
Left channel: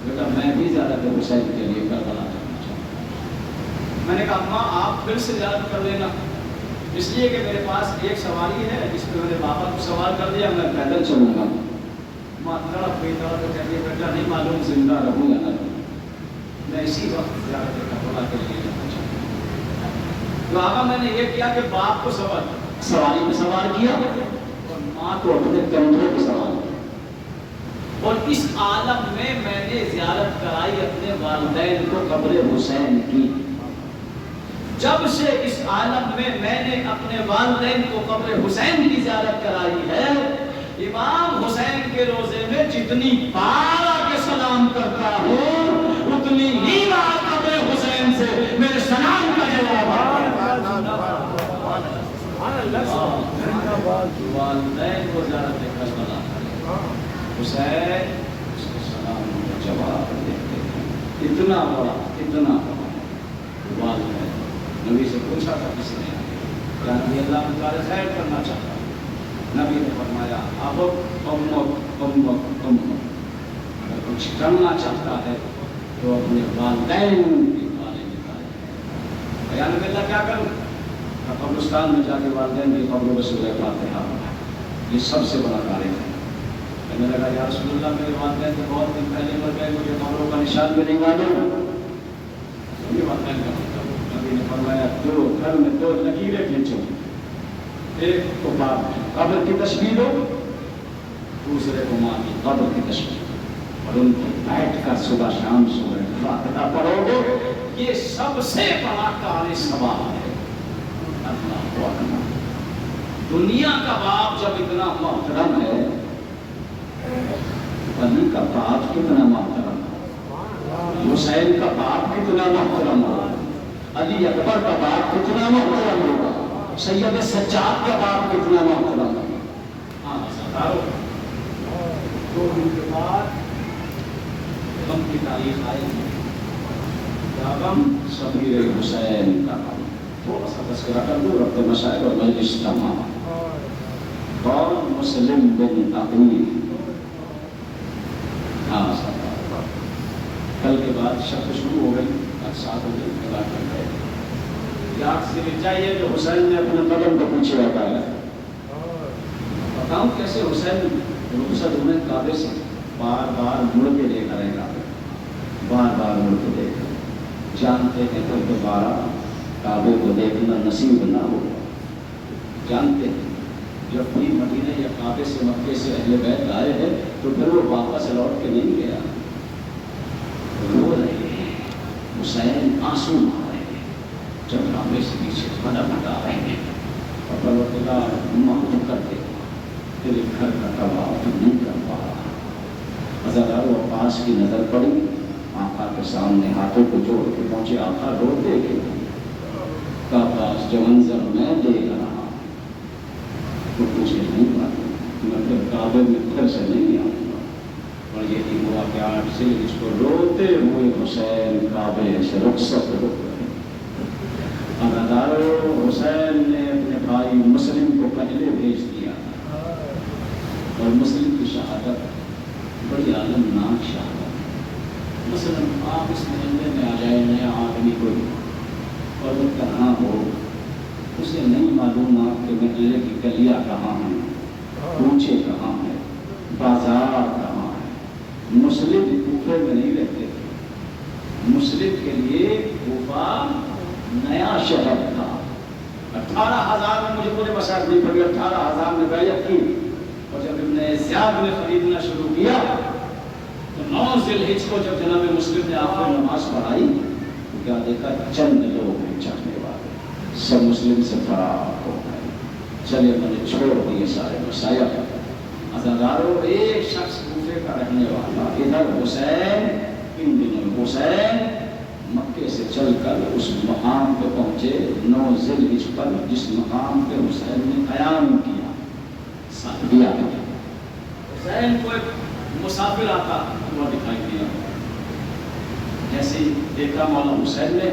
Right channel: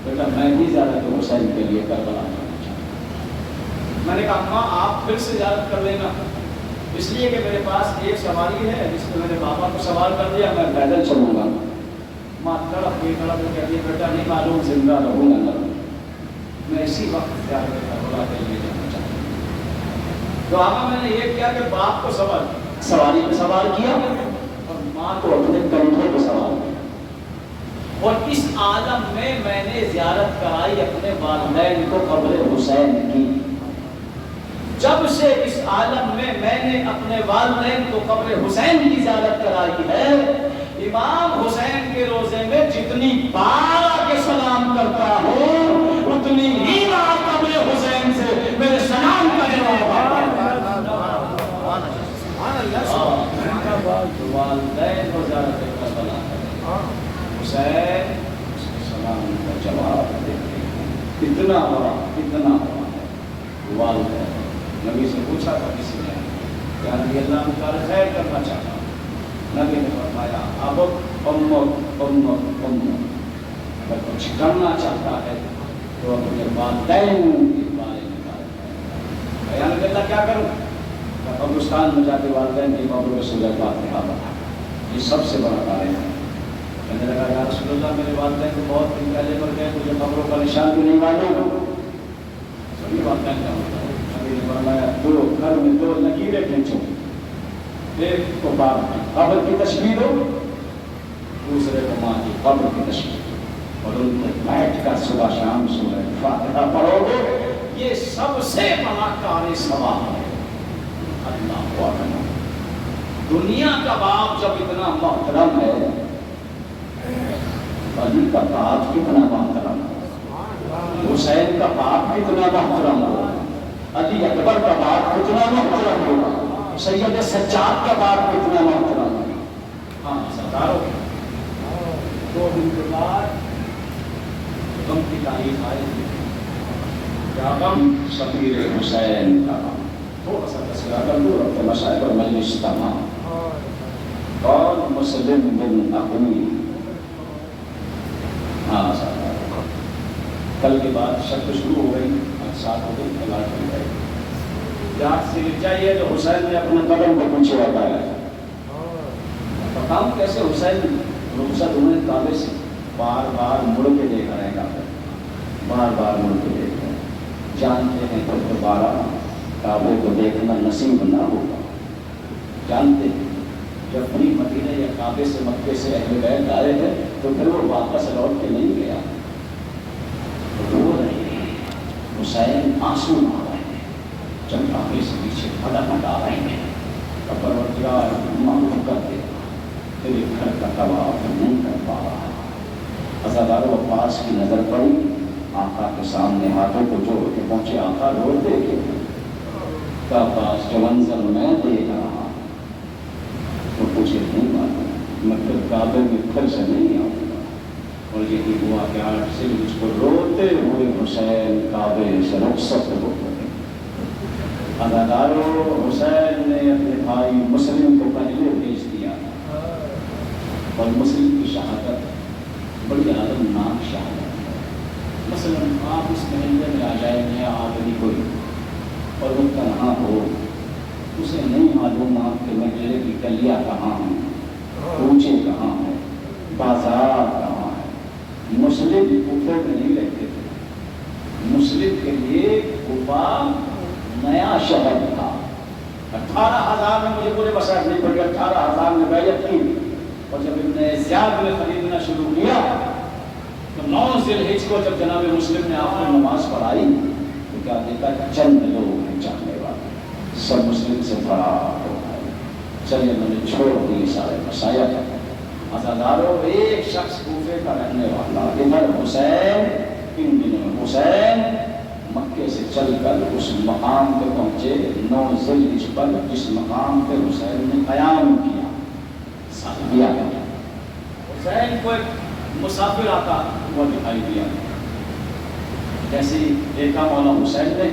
بیٹا میں بھی زیارت حسین کے لیے کربلا کرنا چاہتا ہوں۔ میں نے کہا اماں آپ پھر سے زیارت کر لینا، اس لیے کہ میرے پاس ایک سواری ہے جس پہ میرے بابا کو سوار کر دیا، میں پیدل چلوں گا۔ ماں تڑپ ہوئی کہتی ہے بیٹا نہیں معلوم زندہ رہوں یا نہ رہوں، میں اسی وقت زیارت کربلا کے لیے جانا چاہتا ہوں۔ تو آقا میں نے یہ کیا کہ باپ کو سواری پہ سوار کیا اور ماں کو اپنے کندھے پہ سوار کیا، اور اس عالم میں میں نے زیارت کرائی اپنے والدین کو قبر حسین کی۔ جب سے اس عالم میں میں نے اپنے والدین کو قبر حسین کی زیارت کرائی ہے، امام حسین کے روزے میں جتنی بار آ کے سلام کرتا ہوں، اتنی ہی بار قبر حسین سے میرے سلام کا جواب آیا۔ والدین کو زیارت کربلا، حسین اس کے سلام کا جواب دیتے ہیں۔ اتنا بڑا والدین۔ نبی سے پوچھا تھا کسی نے کہ نبی اللہ میں کار خیر کرنا چاہتا ہوں، نبی نے فرمایا اب اگر کچھ کرنا چاہتا ہے تو اپنے والدین کے بارے میں کار کرے۔ یا نبی اللہ کیا کروں؟ قبرستان میں جا کے والدین کی قبر میں سورہ فاتحہ پڑھا، یہ سب سے بڑا کار ہے۔ کہنے لگا یا رسول اللہ میرے والدین تو بہت دن پہلے مر گئے، مجھے قبروں کا نشان بھی نہیں معلوم، یہ والدین کا ہوتا ہے۔ نبی نے فرمایا چلو گھر میں 2 لکیریں کھینچو، ایک کو باپ کی قبر کی تشبیہ دو، دوسرے کو ماں کی قبر کی تشبیہ دو، اور ان کو بیٹھ کر صبح شام سورہ فاتحہ پڑھو گے یہ سب سے بڑا کار ثواب ہے۔ اللہ اکبر۔ دنیا کا باپ جب اتنا محترم ہے، علی کا باپ کتنا محترم ہے، حسین کا باپ کتنا محترم ہے، علی اکبر کا باپ کتنا محترم ہوگا، سید سجاد کا باپ کتنا محترم ہے۔ ہاں سرداروں، 2 دن کے بعد غم کی تاریخ آئے گی۔ کیا غم؟ شبیر حسین کا غم۔ تھوڑا سا تذکرہ کر دوں، ربط مشاعر اور مجلس تمام۔ اور مسلم بن عقیل، ہاں کل کے بعد شک شروع ہو گئی، 7 ہو گئی، 11 ہو گئے۔ یاد سے چاہیے تو حسین نے اپنے قدم کو پیچھے ہٹایا ہے۔ بتاؤں کیسے حسین رخصت ہوئے کعبے سے، بار بار مڑ کے دیکھ رہے ہیں کعبے، بار بار مڑ کے دیکھ رہے ہیں، جانتے ہیں کہ دوبارہ کعبے کو دیکھنا نصیب نہ ہوگا، جانتے ہیں جب بھی مدینہ یا کعبے سے مکے سے اہل بیت آئے ہیں تو پھر وہ واپس لوٹ کے نہیں گیا، رو رہے ہیں، حسین آنسو آ رہے ہیں، جب کعبے سے پیچھے پھٹافٹ آ رہے ہیں، اور پروردگار معلوم کر دے تیرے گھر کا طواف نہیں کر پا رہا۔ عزادار عباس کی نظر پڑی، آقا کے سامنے ہاتھوں کو جوڑ کے پہنچے، آقا روتے کہ عباس جو منظر میں دیکھ رہا تو مجھے نہیں معلوم، میں پھر کعبے میں پھر سے نہیں آؤں گا۔ اور یہ ہوا کہ 8 سے جس کو روتے ہوئے حسین کعبے سے رخصت ہو گئے۔ عزادارو، حسین نے اپنے بھائی مسلم کو پہلے بھیج دیا، اور مسلم کی شہادت بڑی عالمناک شہادت ہے۔ مسلم آپ اس محلے میں آ جائیں، نیا آدمی کوئی اور وہ تنہا ہو، اسے نہیں معلوم آپ کے محلے کی گلیاں کہاں ہیں، کوچے کہاں ہیں، بازار کہاں ہے۔ مسلم کوفے میں نہیں رہتے تھے، مسلم کے لیے کوفہ نیا شہر تھا۔ 18,000 میں، مجھے پورے مسائل نہیں پڑی، 18,000 میں بیعت کی، اور جب ابن زیاد نے خریدنا شروع کیا تو 9 ذی الحجہ کو جب جناب مسلم نے آخری نماز پڑھائی تو کیا دیکھا، چند لوگ ہیں چاہنے والے، سب مسلم سے فرار ہو گئے، چلے میں نے چھوڑ دیے سارے مسائل۔ عزادارو، ایک شخص کوفے کا رہنے والا، ادھر حسین، ان دنوں حسین مکے سے چل کر اس مقام پہ پہنچے 9 ذی الحجہ پر، جس مقام پہ حسین نے قیام کیا۔ ساتھیا حسین کو ایک مسافر آتا وہ دکھائی دیا، جیسے دیکھا مولا حسین نے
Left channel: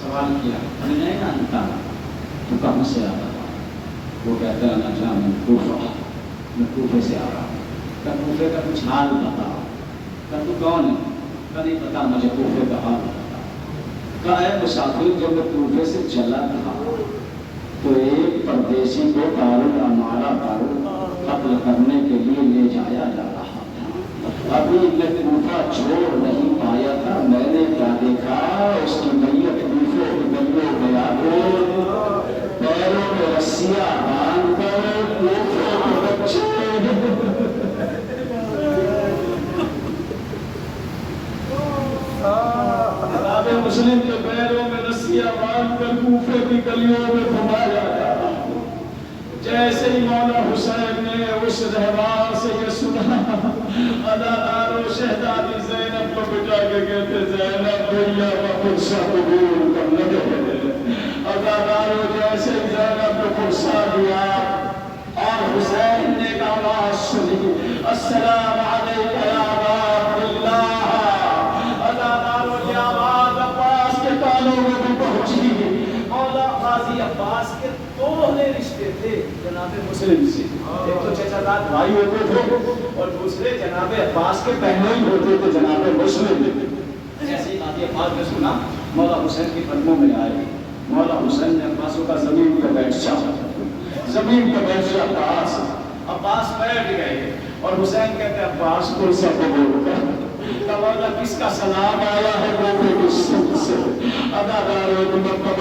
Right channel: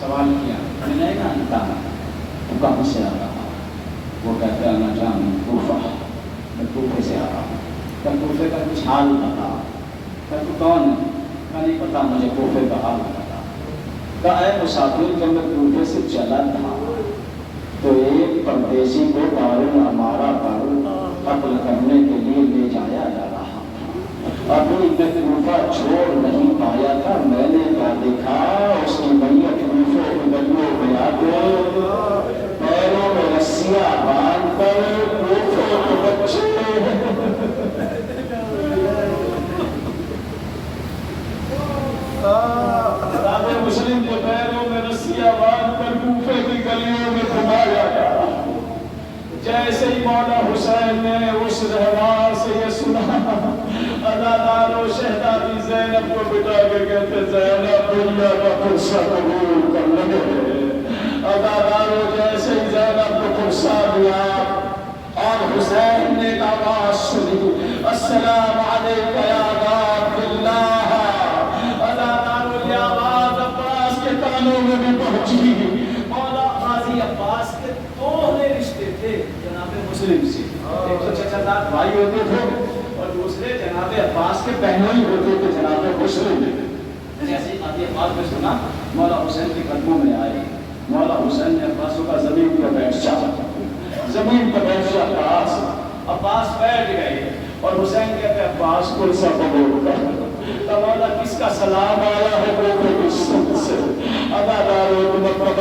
سوال کیا، میں نہیں جانتا تو کہاں سے آتا تھا؟ وہ کہتا ہے میں جانوں کوفہ، میں کوفے سے آ رہا ہوں۔ کہ کوفے کا کچھ حال بتا، کہ تو کون ہے؟ کہ نہیں پتا مجھے کوفے کا حال بتا۔ کہ اے مسافر، جب میں کوفے سے چلا تھا تو ایک پردیسی کو قارن ہمارا پر قتل کرنے کے لیے لے جایا جا رہا تھا، ابھی میں کوفہ چھوڑ نہیں پایا تھا، میں نے کیا دیکھا، اس کی میت کوفے کی گلیوں میں آ کے پیروں میں رسیاں باندھ کر کوفے کے بچے مسلم کے پیروں میں رسیاں باندھ کر کوفے کی گلیوں میں گھمایا گیا۔ جیسے ہی مولا حسین نے اس رہوار سے یہ سنا، عزادارو، شہزادی زینب کو بٹا کے کہتے زینب دنیا کا قرصہ قبول کر لگے۔ عزادارو، جیسے ہی زینب کو قرصہ دیا اور حسین نے ایک آواز سنی، السلام علیک یا عبد اللہ۔ عزادارو، یہ آواز عباس کے کانوں میں بھی پہنچی۔ مولا قاضی عباس کے 2 رشتے تھے جناب مسلم سے، ایک تو چچا زاد بھائی ہوتے تھے اور دوسرے جناب عباس کے بہنوئی ہوتے تھے جناب مسلم۔ جیسے ہی قاضی عباس نے سنا، مولا حسین کے قدموں میں آئے، مولا حسین نے عباس کا زمین پہ بیٹھ جایا، زمین پہ بیٹھ جایا، عباس بیٹھ گئے اور حسین کہتے عباس کو سب قبول کر۔ مولا کس کا سلام آیا ہے وہ کس سے؟ عزادارو،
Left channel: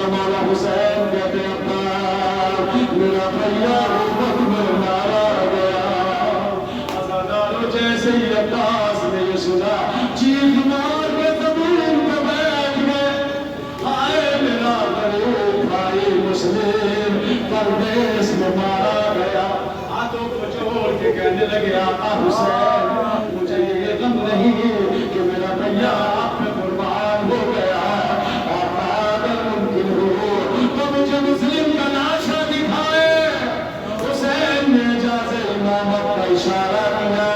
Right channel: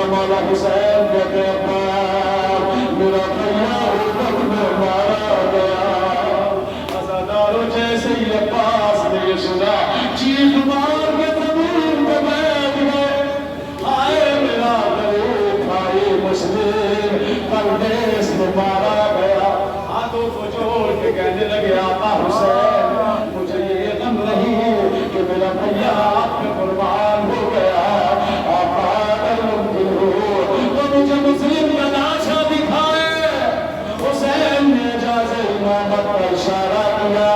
مولا حسین کہتے میرا بھیا حکمت میں مارا گیا۔ عزادارو، جیسے ہی عباس نے یہ سنا، چیخ مار کے زمین پہ بیٹھ گئے۔ پردیس میں مارا گیا، ہاتھوں کو جوڑ کے کہنے لگے آقا حسین مجھے یہ غم نہیں کہ میرا بھیا آپ پہ قربان ہو گیا، آقا اگر ممکن ہو تو مجھے مسلم کا لاشا دکھائے۔ حسین نے اجازت امامت کا اشارہ کیا،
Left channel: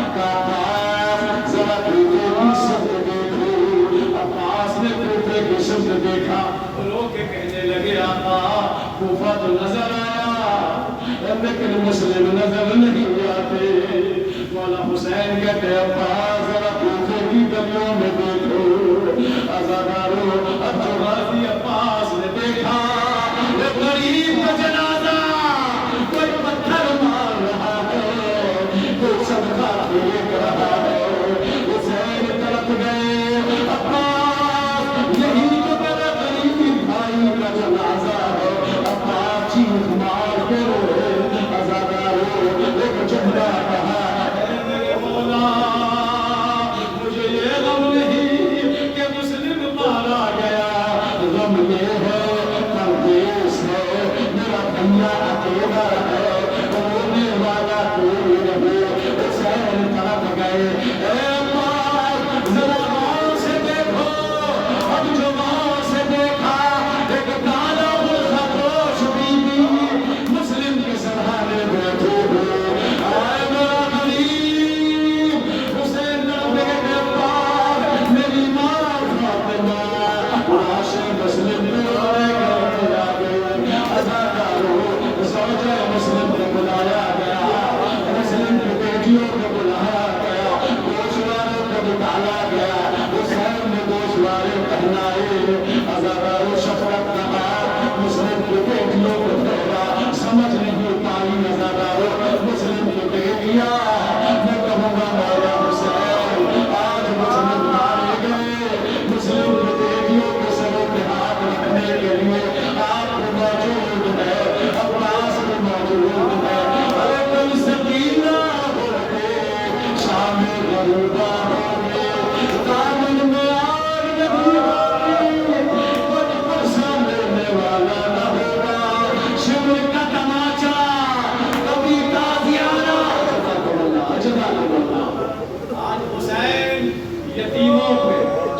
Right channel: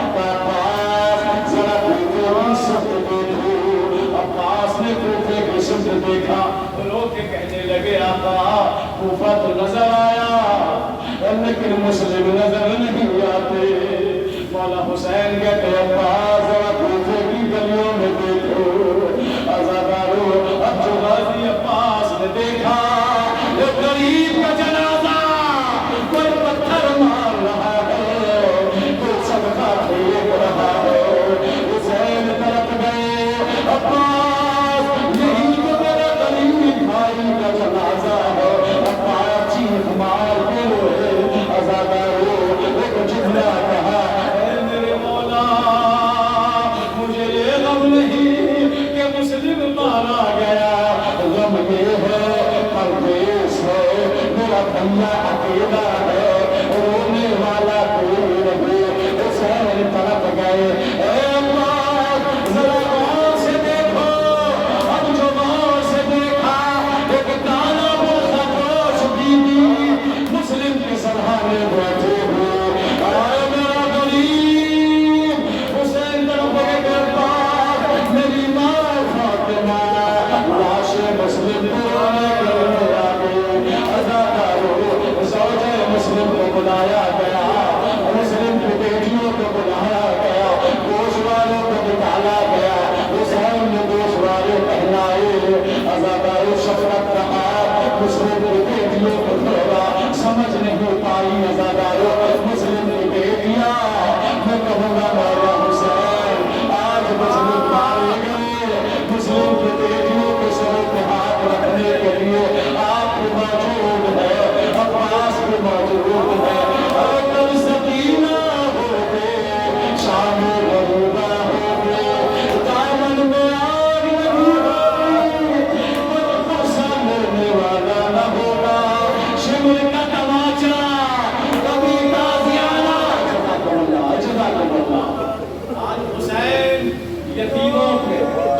عباس ذرا کوفے کی سمت دیکھو۔ عباس نے کوفے کی سمت دیکھا، رو کے کہنے لگے آقا کوفہ تو نظر آیا لیکن مسلم نظر نہیں آتے۔ مولا حسین کہتے عباس ذرا کوفے کی گلیوں میں دیکھو۔ عزادارو اب جو غازی عباس نے دیکھا ایک غریب کا جنازہ، کوئی پتھر مار رہا ہے، کوئی صدقہ پھینک رہا ہے۔ حسین طرف گئے، عباس یہی تو میرے غریب بھائی کا جنازہ ہے۔ عباس چیخ مار کے روئے، عزادارو ایک جملہ کہا، اے میرے مولا مجھے یہ غم نہیں کہ مسلم مارا گیا، غم یہ ہے پردیس ہے، میرا بھیا اکیلا ہے، رونے والا کوئی نہیں۔ حسین طرف گئے، اے عباس ذرا غور سے دیکھو۔ اب جو غور سے دیکھا ایک کالا خرگوش بی بی مسلم کے سرحانے بیٹھے ہوئے، آئے میرا غریب۔ حسین طرف گئے، عباس میری ماں فاطمہ لاش مسلم کو لے کے آ گئی۔ عزادارو زوجہ مسلم کو بلایا گیا، مسلم کی بیٹیوں کو بلایا گیا، گوشواروں کو نکالا گیا، حسین نے گوشوارے پہنائے۔ عزادارو شفقت کا ہاتھ مسلم کی بیٹیوں کو پھیلا، سمجھ نہیں پائی عزادارو مسلم کی بیٹیاں۔ میں کہوں گا مولا حسین آج مسلم مارے گئے، مسلم کی بیٹیوں کے سر پہ ہاتھ رکھنے کے لیے آپ بھی موجود ہے، عباس بھی موجود ہے۔ ارے کل سکینہ ہوتے شام غروبہ ہوگی، دامن میں آگ لگی ہوگی، کوئی پرسہ لینے والا نہ ہوگا، شمر کا تماچا کبھی تازیانہ۔ جزاک اللہ۔ آج حسین یتیموں پہ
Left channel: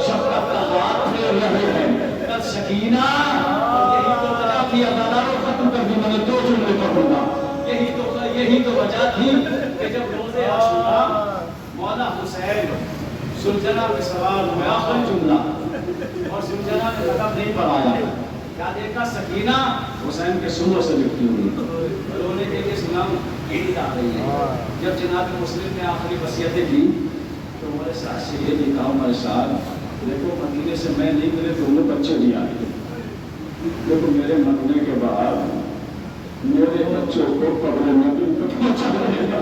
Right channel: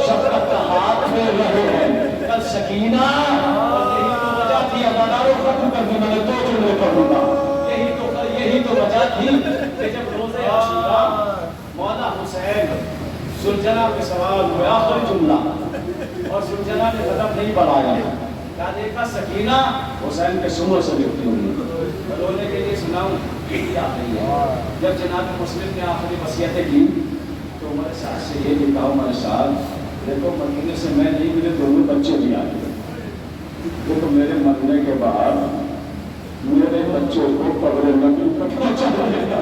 شفقت کا ہاتھ پھیر رہے ہیں، کل سکینہ، اور یہی تو وجہ تھی، عزادارو ختم کر دی، میں نے 2 جملے پڑھوں گا، یہی تو وجہ تھی کہ جب روزے عاشورا مولا حسین سلجنا پہ سوار ہوئے، آخری جملہ، اور سلجنا نے قدم نہیں بڑھایا، کیا دیکھا سکینہ حسین کے سنوں سے لکھتی ہوئی، رونے کے لیے سناؤں عید آ رہی ہے۔ جب جناب مسلم نے آخری وصیتیں کی تو ہمارے ساتھ سے یہ لکھا، ہمارے ساتھ دیکھو مدینے سے میں نہیں ملے، دونوں بچے نہیں آئے، دیکھو میرے مرنے کے بعد میرے بچوں کو قبر نبی پر پہنچا دے گا۔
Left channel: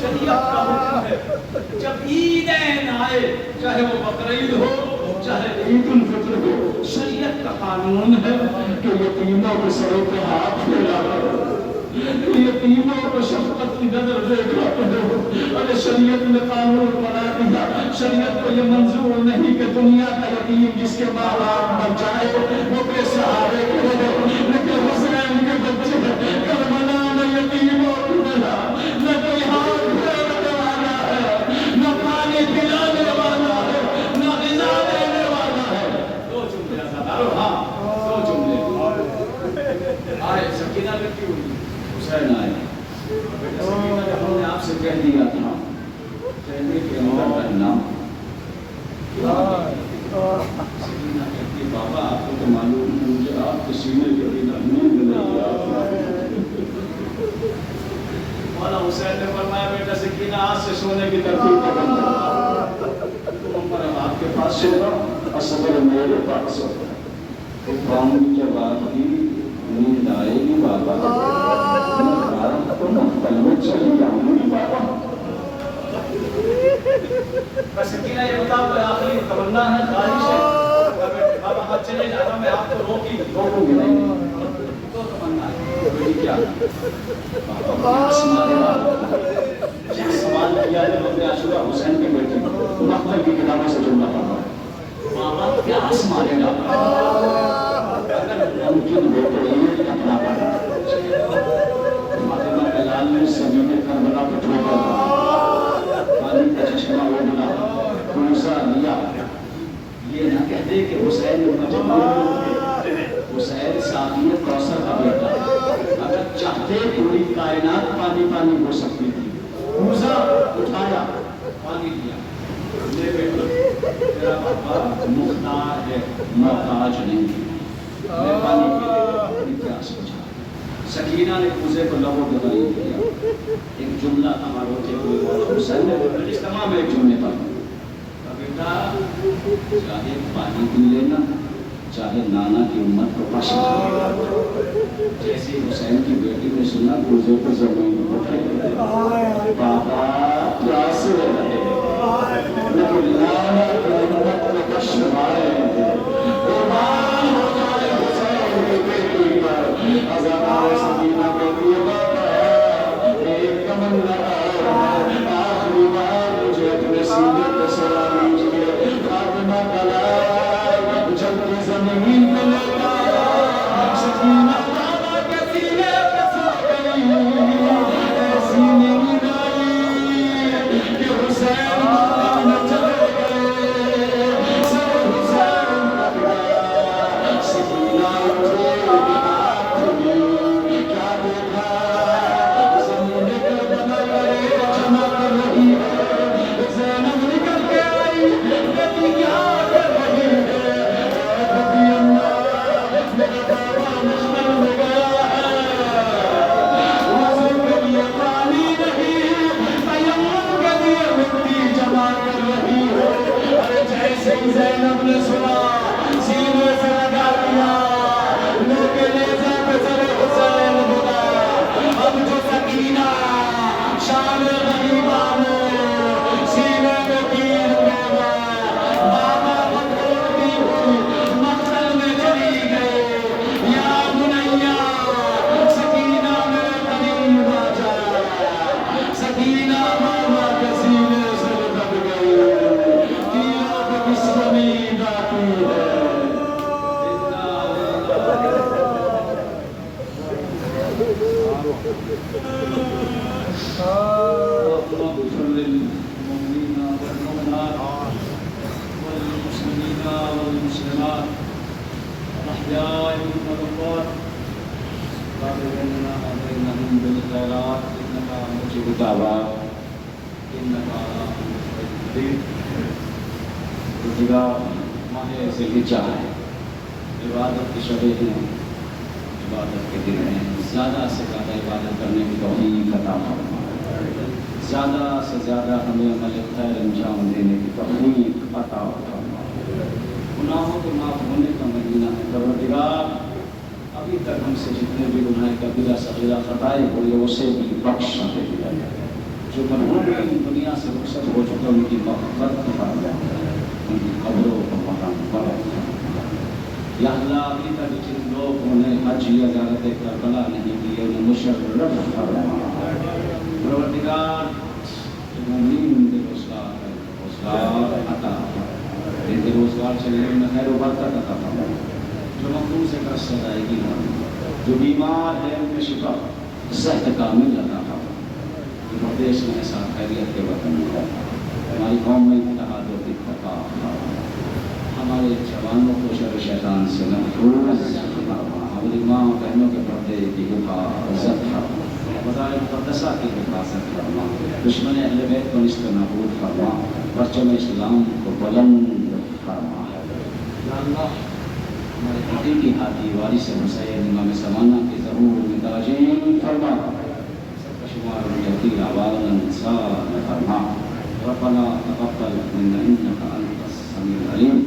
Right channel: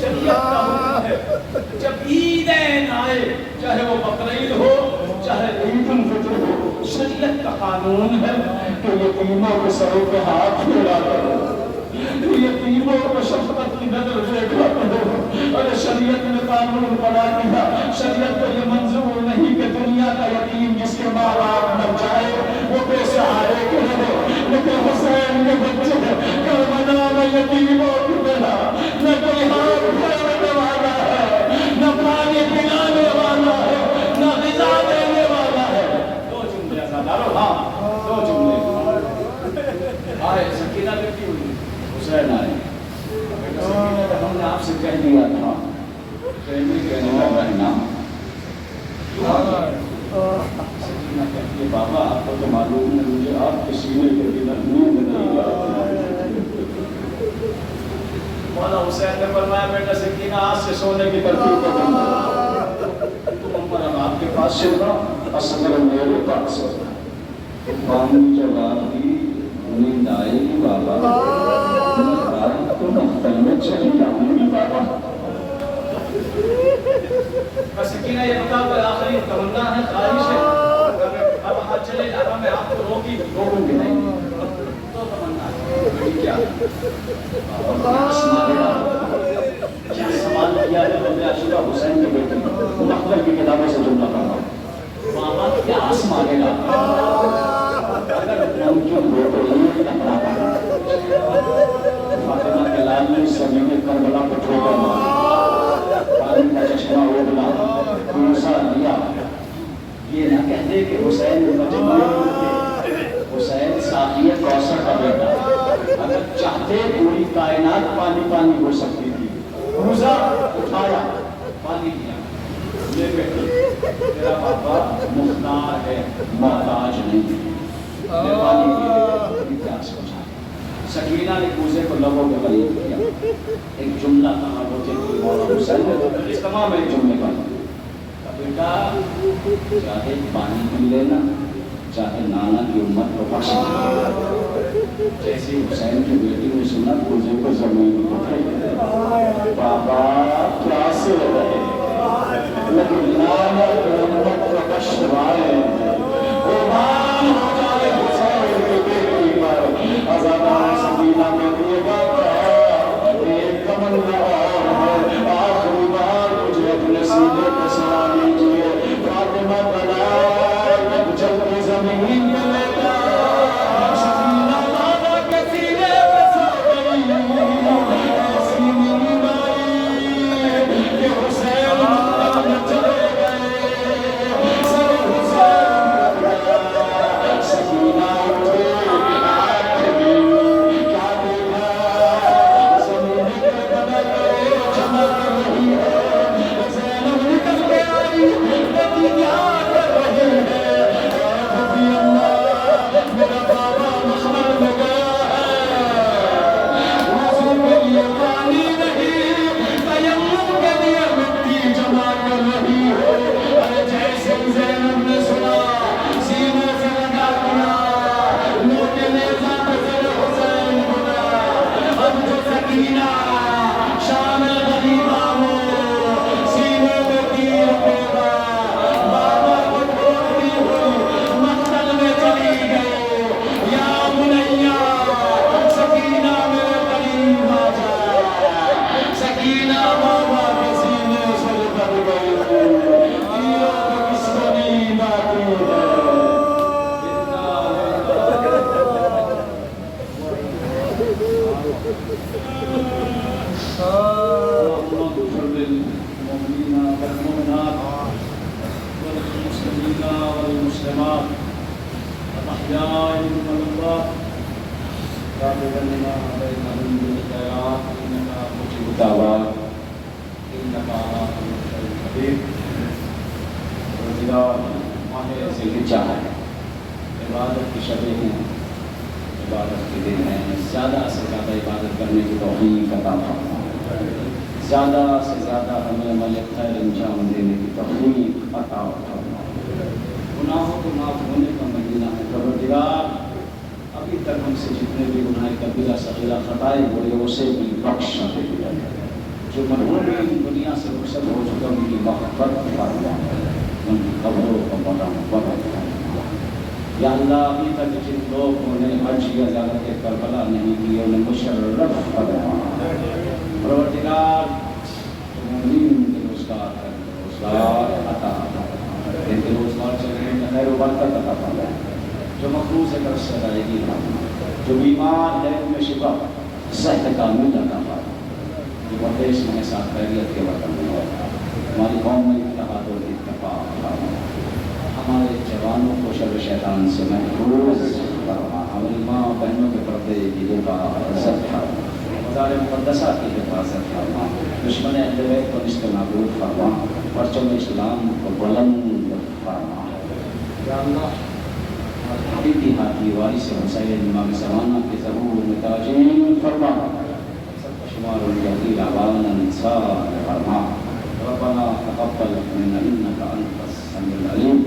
شریعت کا حکم ہے جب عیدین آئے، چاہے وہ بقرعید ہو چاہے عید الفطر ہو، شریعت کا قانون ہے کہ یتیموں کے سروں پہ ہاتھ پھیلا کرو، یتیموں کو شفقت کی نظر دیکھا کرو۔ ارے شریعت نے قانون بنا دیا، شریعت کو یہ منظور نہیں کہ دنیا کا یتیم جس کے ماں باپ مر جائے وہ بے سہارے کے رہے، لیکن حسین کے بچے کربلا میں یتیموں کی طرح نہ کوئی ہاتھ پھیرنے والا ہے، نہ پانی پلانے والا ہے، نہ غذا دینے والا ہے۔ 2 جملے عزادارو، ہاں 2 جملے آئے، سکینہ لڑکی ہوئی، حسین آئے، سکینہ کہ ہم نے آپ سے کہہ دیا تھا، کہنے کہنے کا کہنا سکینہ کہتی ہے بابا آپ کو تو معلوم ہے مجھے آپ کے سینے کے بنا نیند نہیں آتی۔ مولا حسین نے فرمایا بیٹا سکینہ آج سے سونے کی ترتیب کرنا، تم پر آپ کے پاس سونا، اصغر میرے پاس سونا، باؤں جب آپ کی نیند آئے گی بابا تو مختل میں چلی جاؤں گی بابا۔ سکینہ یہ بتاؤ کہ آخری تمنا ہے، خواہش ہے، اب آپ چلے جانا میں آپ کو روکوں گی نہیں، تو تمنا ہے کیا کیا سوال کیا ہے روزے عاشورا حسین کے بیٹے مختل کی کتابوں سے جملہ پڑھا، بابا کیا آسمانے گا چھوٹا پانی کا چشمہ اگلا کوسا لیا. یہ نہ کہتے کہ حسین مجنون تھے، حسین ساقی کوثر کا بیٹا. اگر چاہتے پوری کائنات پانی پانی ہو سکتی تھی. کوزا اٹھایا، پانی لیا. یہ بیٹا میرا پاپا مختار ہے، محتاج نہیں. میں پانی کے کیا سوچا. سکینہ نے کوزے کو لبوں کے قریب کیا. ایک جملہ تھا مروچے کوئی مولا حسین نے اس تمام ایک جملے پر بیٹا چاہے پانی پی لینا، چاہے نانا کی امت کو بخش دینا. جیسے حسین کی بیٹی نے سنا کوزے کو زمین اٹھے. بابا پیاس رہے لیکن نانا کی امت کو بخشوائے. قربان ہو جائے حسین کی بیٹی پر. ازادار سکینہ کے لیے بابا ایک تمنا اور ہے، آخری بار مجھے اپنے سینے پہ سلا دیجیے. فاطمہ کلائے جب کی زمین پہ لے گا. سکینہ نانا کے سینے پہ سو گئی. ایسی نیند آئی کہ حسین مدد میں چلے گئے. سر حسین مر گیا. سکینہ اٹھے آنکھ بھی کیا دیکھا. زمین کے بنائے چمک رہی ہے. زینب نکل کے آئی، پتی کیا کر رہی ہے. ربی اللہ میرا بابا مخمل میں گیا ہے. وضو کے لیے پانی نہیں، تیمم کے لیے مٹی جمع کر رہی ہے. ارے جیسے ہی زینب نے سنا سینے سے لگا دیا. لوگے لے جا کے سر حسین بنا. اب تو سکینہ شام غریبہ میں سینے میں تیر پیوا. بابا کو ڈھونڈتی ہوئی مقتل میں چلی گئی. یا بنیا سکینہ میرے قریب آ جا. سکینہ بابا کے سینے سے لپٹ گئی. تیروں پہ کس کو نیند آتی ہے. اللهم اغفر للمؤمنين والمؤمنات والمسلمين والمسلمات الأحياء منهم والأموات رب لنا بينهم بالخيرات إنك مجيب الدعوات إنك على كل شيء قدير. روزگار ہمیں سے ہی چاہا ہے. عبادت کی شبیں ہیں، عبادت کے دن ہیں. زیادہ سے زیادہ عبادت کرنے کی توفیق عطا فرما. زیادہ سے زیادہ ہمیں عمل خیر انجام دینے کی توفیق عطا فرما. گناہوں کو معاف ہونے کا مہینہ ہے. پروردگار ابھی تک ہم سے جتنے بھی گناہ کبیرہ صغیرہ خطائیں ہوئی اسے بھی بخش دے. جو مرحوم دنیا سے رخصت ہو چکے ان کی محبت فرما، ان کی قبروں کو مرحمت فرما. یا اللہ ابھی تک جن لوگوں نے حج یا زیارت کربلا نہیں کی انہیں مشرف فرما. پروردگار مومنین کے روزگار ہے، روزگار عطا فرما. ان کے روزگار چلے انہیں خیر و برکت عطا فرما. جو مقروض ہے قرض سے ادائیگی فرما. جو بیمار ہے ان میں شفا صحت کامل عطا فرما. یہ مردیش میں ساتھ خیریت کے وطن میں ہماری قوم میں اتحاد و اتفاق فرما. ہمارے جوانوں کو شر شیطان سے محفوظ فرما. ہماری ماں بہنوں کے پردے کی حفاظت فرما. مزار مقدسہ کی حفاظت فرما. دشمن اہل بیت کو نست نابود فرما. پرچم اسلام کو بلند فرما. یا اللہ ہمارے حقیقی ہاتھی وارث حسین امام زمانہ کے ظہور میں تاجین فرما. سب کا شمار یقین عوانا انسان فرما. ربنا تقبل منا انك انت السميع العليم